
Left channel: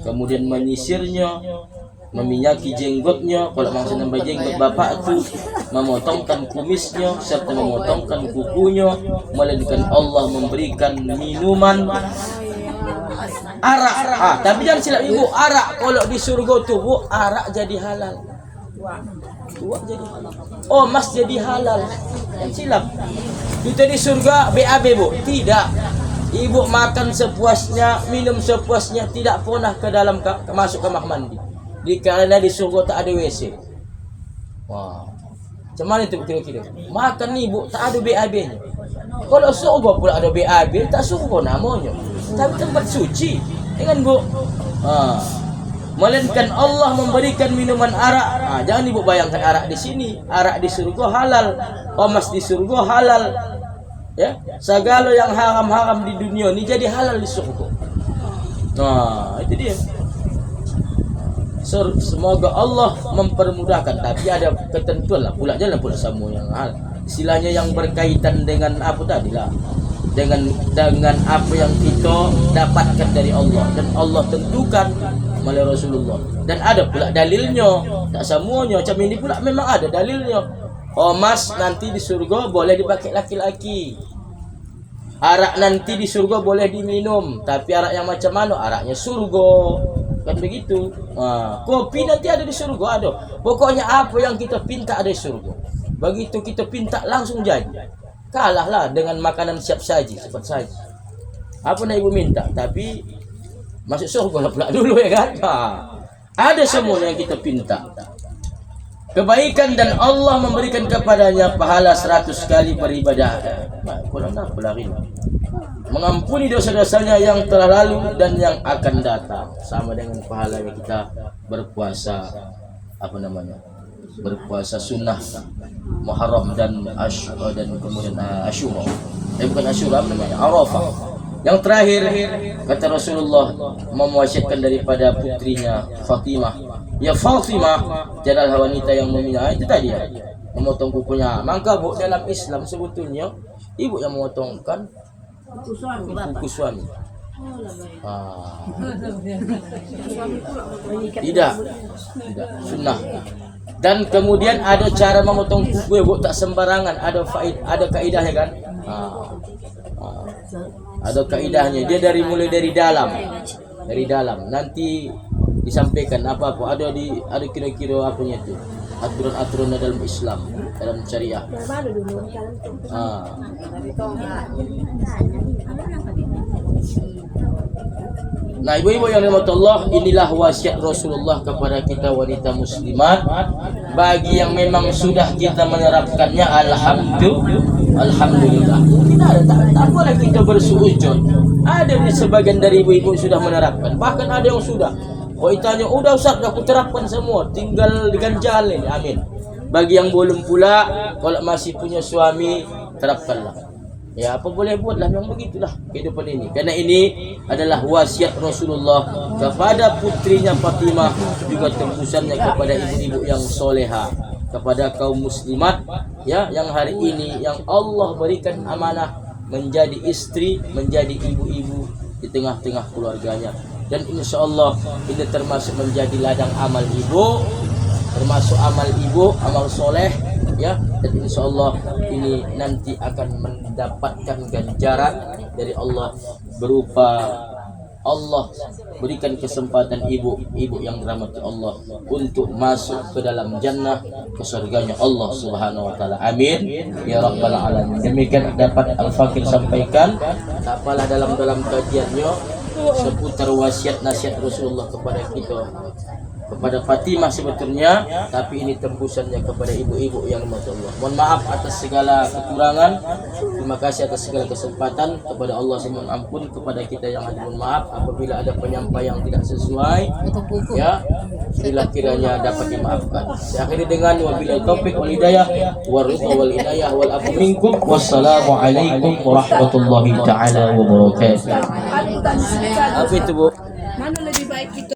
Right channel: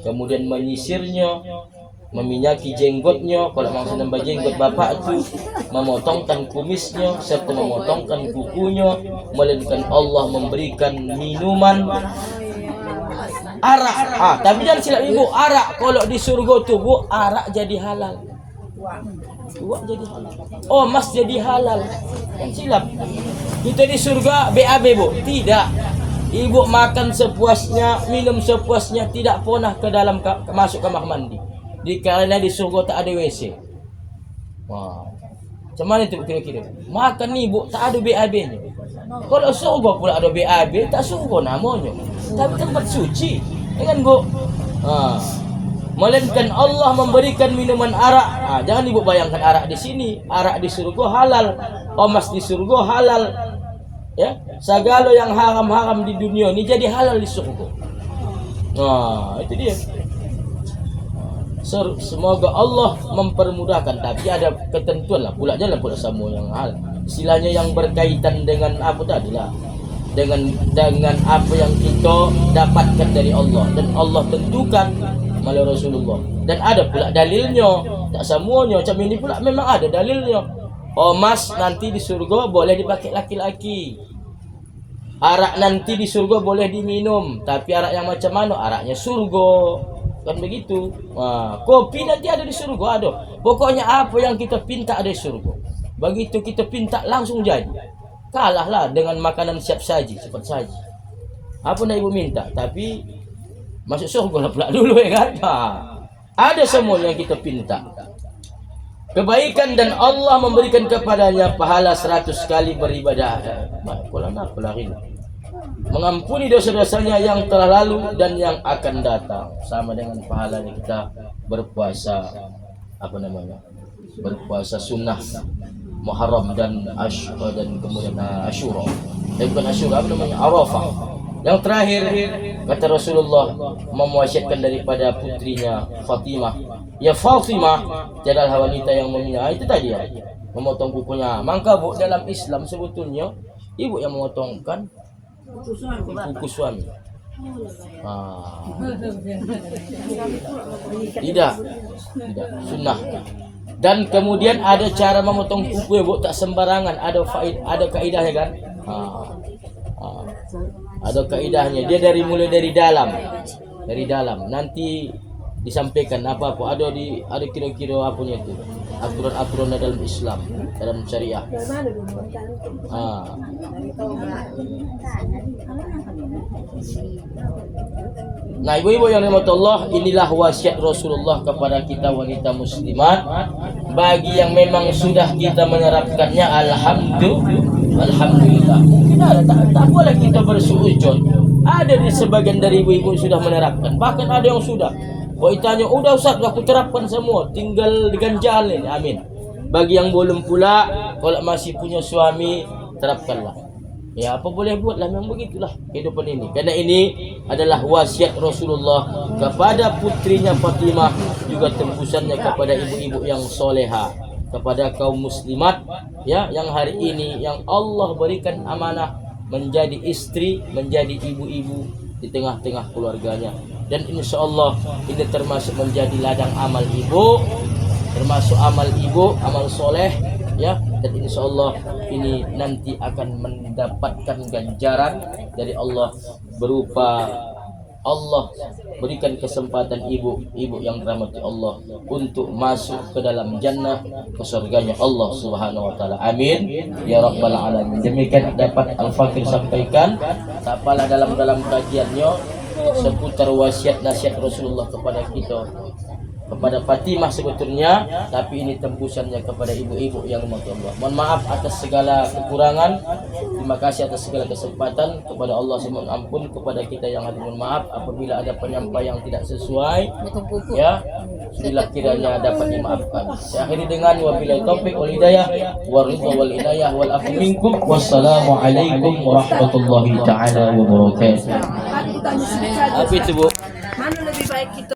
Kemudian menyisirnya, meminyaki jenggotnya, kalau maksud nambah jenggot bapak itu, memotongkan kumisnya serta memotongkan kukunya, melainkan Allah memberikan minuman arak. Tapi jangan silap Ibu, arak kalau di surga tuh Bu, arak jadi halal. Buat jadi halal. Oh, mas jadi halal. Silap. Kita di surga BAB Bu, tidak. Ibu makan sepuasnya, minum sepuasnya, tidak pernah ke dalam masuk kamar mandi. Karena di surga tak ada WC. Macam mana itu kira-kira? Makan nih Bu, tak ada BAB-nya. Kalau surga pula ada BAB, tak surga namanya. Tapi tempat suci. Dengan Bu. Melainkan Allah memberikan minuman arak. Jangan Ibu bayangkan arak di sini, arak di surga halal. Emas di surga halal. Ya, segala yang haram-haram di dunia ini jadi halal di surga. Itu dia. Semoga Allah mempermudahkan, tapi ada ketentuan lah pula, jangan pula semua yang hal. Istilahnya yang berkaitan dengan apa tadi lah, dengan apa yang kita dapatkan dari Allah dan Allah tentukan melalui Rasulullah. Dan ada pula dalilnya, tak semuanya macam ini pula memang ada dalilnya. Emas nanti di surga boleh dipakai laki-laki. Arak nanti di surga boleh diminum, tapi arak yang macam mana? Araknya surga. Kan begitu. Kopi nanti ada di surga, ada. Pokoknya apa yang kita pinta ada di surga. Begitu kita pinta langsung jadi. Kalahlah dengan makanan siap saji, cepat saji. Apa nak Ibu minta, tapi masuk surga lah pula dulu ya kan. Ada semua yang kita pinta. Kebaikan dan Allah memberikan kepadanya pahala 100 kali beribadah. Kurang apa lagi? Mengampuni dosa-dosanya yang telah lalu dan yang akan datang, sama dengan pahalanya kita berpuasa berpuasa sunnah Muharram dan kemudian Asyura. Bukan Asyura, Arafah. Yang terakhir kata Rasulullah mewasiatkan daripada putrinya Fatimah, ya Fatimah, jadilah wanita yang itu tadi ya, memotong kukunya. Maka Bu, dalam Islam sebetulnya ibu yang memotongkan kuku suami. Tidak sunnah. Dan kemudian ada cara memotong kuku Bu, tak sembarangan, ada kaidahnya kan. Ada kaidahnya. Dia mulai dari dalam. Nanti disampaikan apa-apa. Ada kira-kira apanya itu. Aturan-aturan dalam Islam, dalam syariah. Nah, ibu-ibu yang dirahmati Allah, inilah wasiat Rasulullah kepada kita wanita muslimat. Bagi yang memang sudah kita menerapkannya, alhamdulillah. Kita tak boleh kita bersuujud. Ada di sebagian dari ibu-ibu sudah menerapkan, bahkan ada yang sudah. Ditanya, udah Ustaz, aku terapkan semua, tinggal diganjalin. Amin. Bagi yang belum pula, kalau masih punya suami, terapkanlah. Ya, apa boleh buatlah, memang begitulah kehidupan ini. Karena ini adalah wasiat Rasulullah kepada putrinya Fatimah, juga tembusannya kepada ibu-ibu yang soleha, kepada kaum muslimat ya, yang hari ini yang Allah berikan amanah menjadi istri, menjadi ibu-ibu di tengah-tengah keluarganya. Dan insya Allah ini termasuk menjadi ladang amal ibu, termasuk amal ibu, amal soleh ya. Dan insya Allah ini nanti akan mendapatkan ganjaran dari Allah berupa Allah berikan kesempatan ibu-ibu yang dirahmati Allah untuk masuk ke dalam jannah, ke surganya Allah Subhanahu wa taala. Amin ya rabbal alamin. Demikian dapat Al-Fakir sampaikan. Tak apalah dalam kajiannya seputar wasiat nasihat Rasulullah kepada kita, kepada Fatimah sebetulnya, tapi ini tembusannya kepada ibu-ibu yang dirahmati Allah. Mohon maaf atas segala kekurangan. Terima kasih atas segala kesempatan. Kepada Allah mohon ampun, kepada kita yang hadir mohon maaf apabila ada penyampaian yang tidak sesuai. Ya, bila kiranya dapat dimaafkan. Saya akhiri dengan wabillahi taufik wal hidayah wal ridha wal inayah wal afu minkum. Wassalamualaikum warahmatullahi taala wabarakatuh. Apa itu, Bu?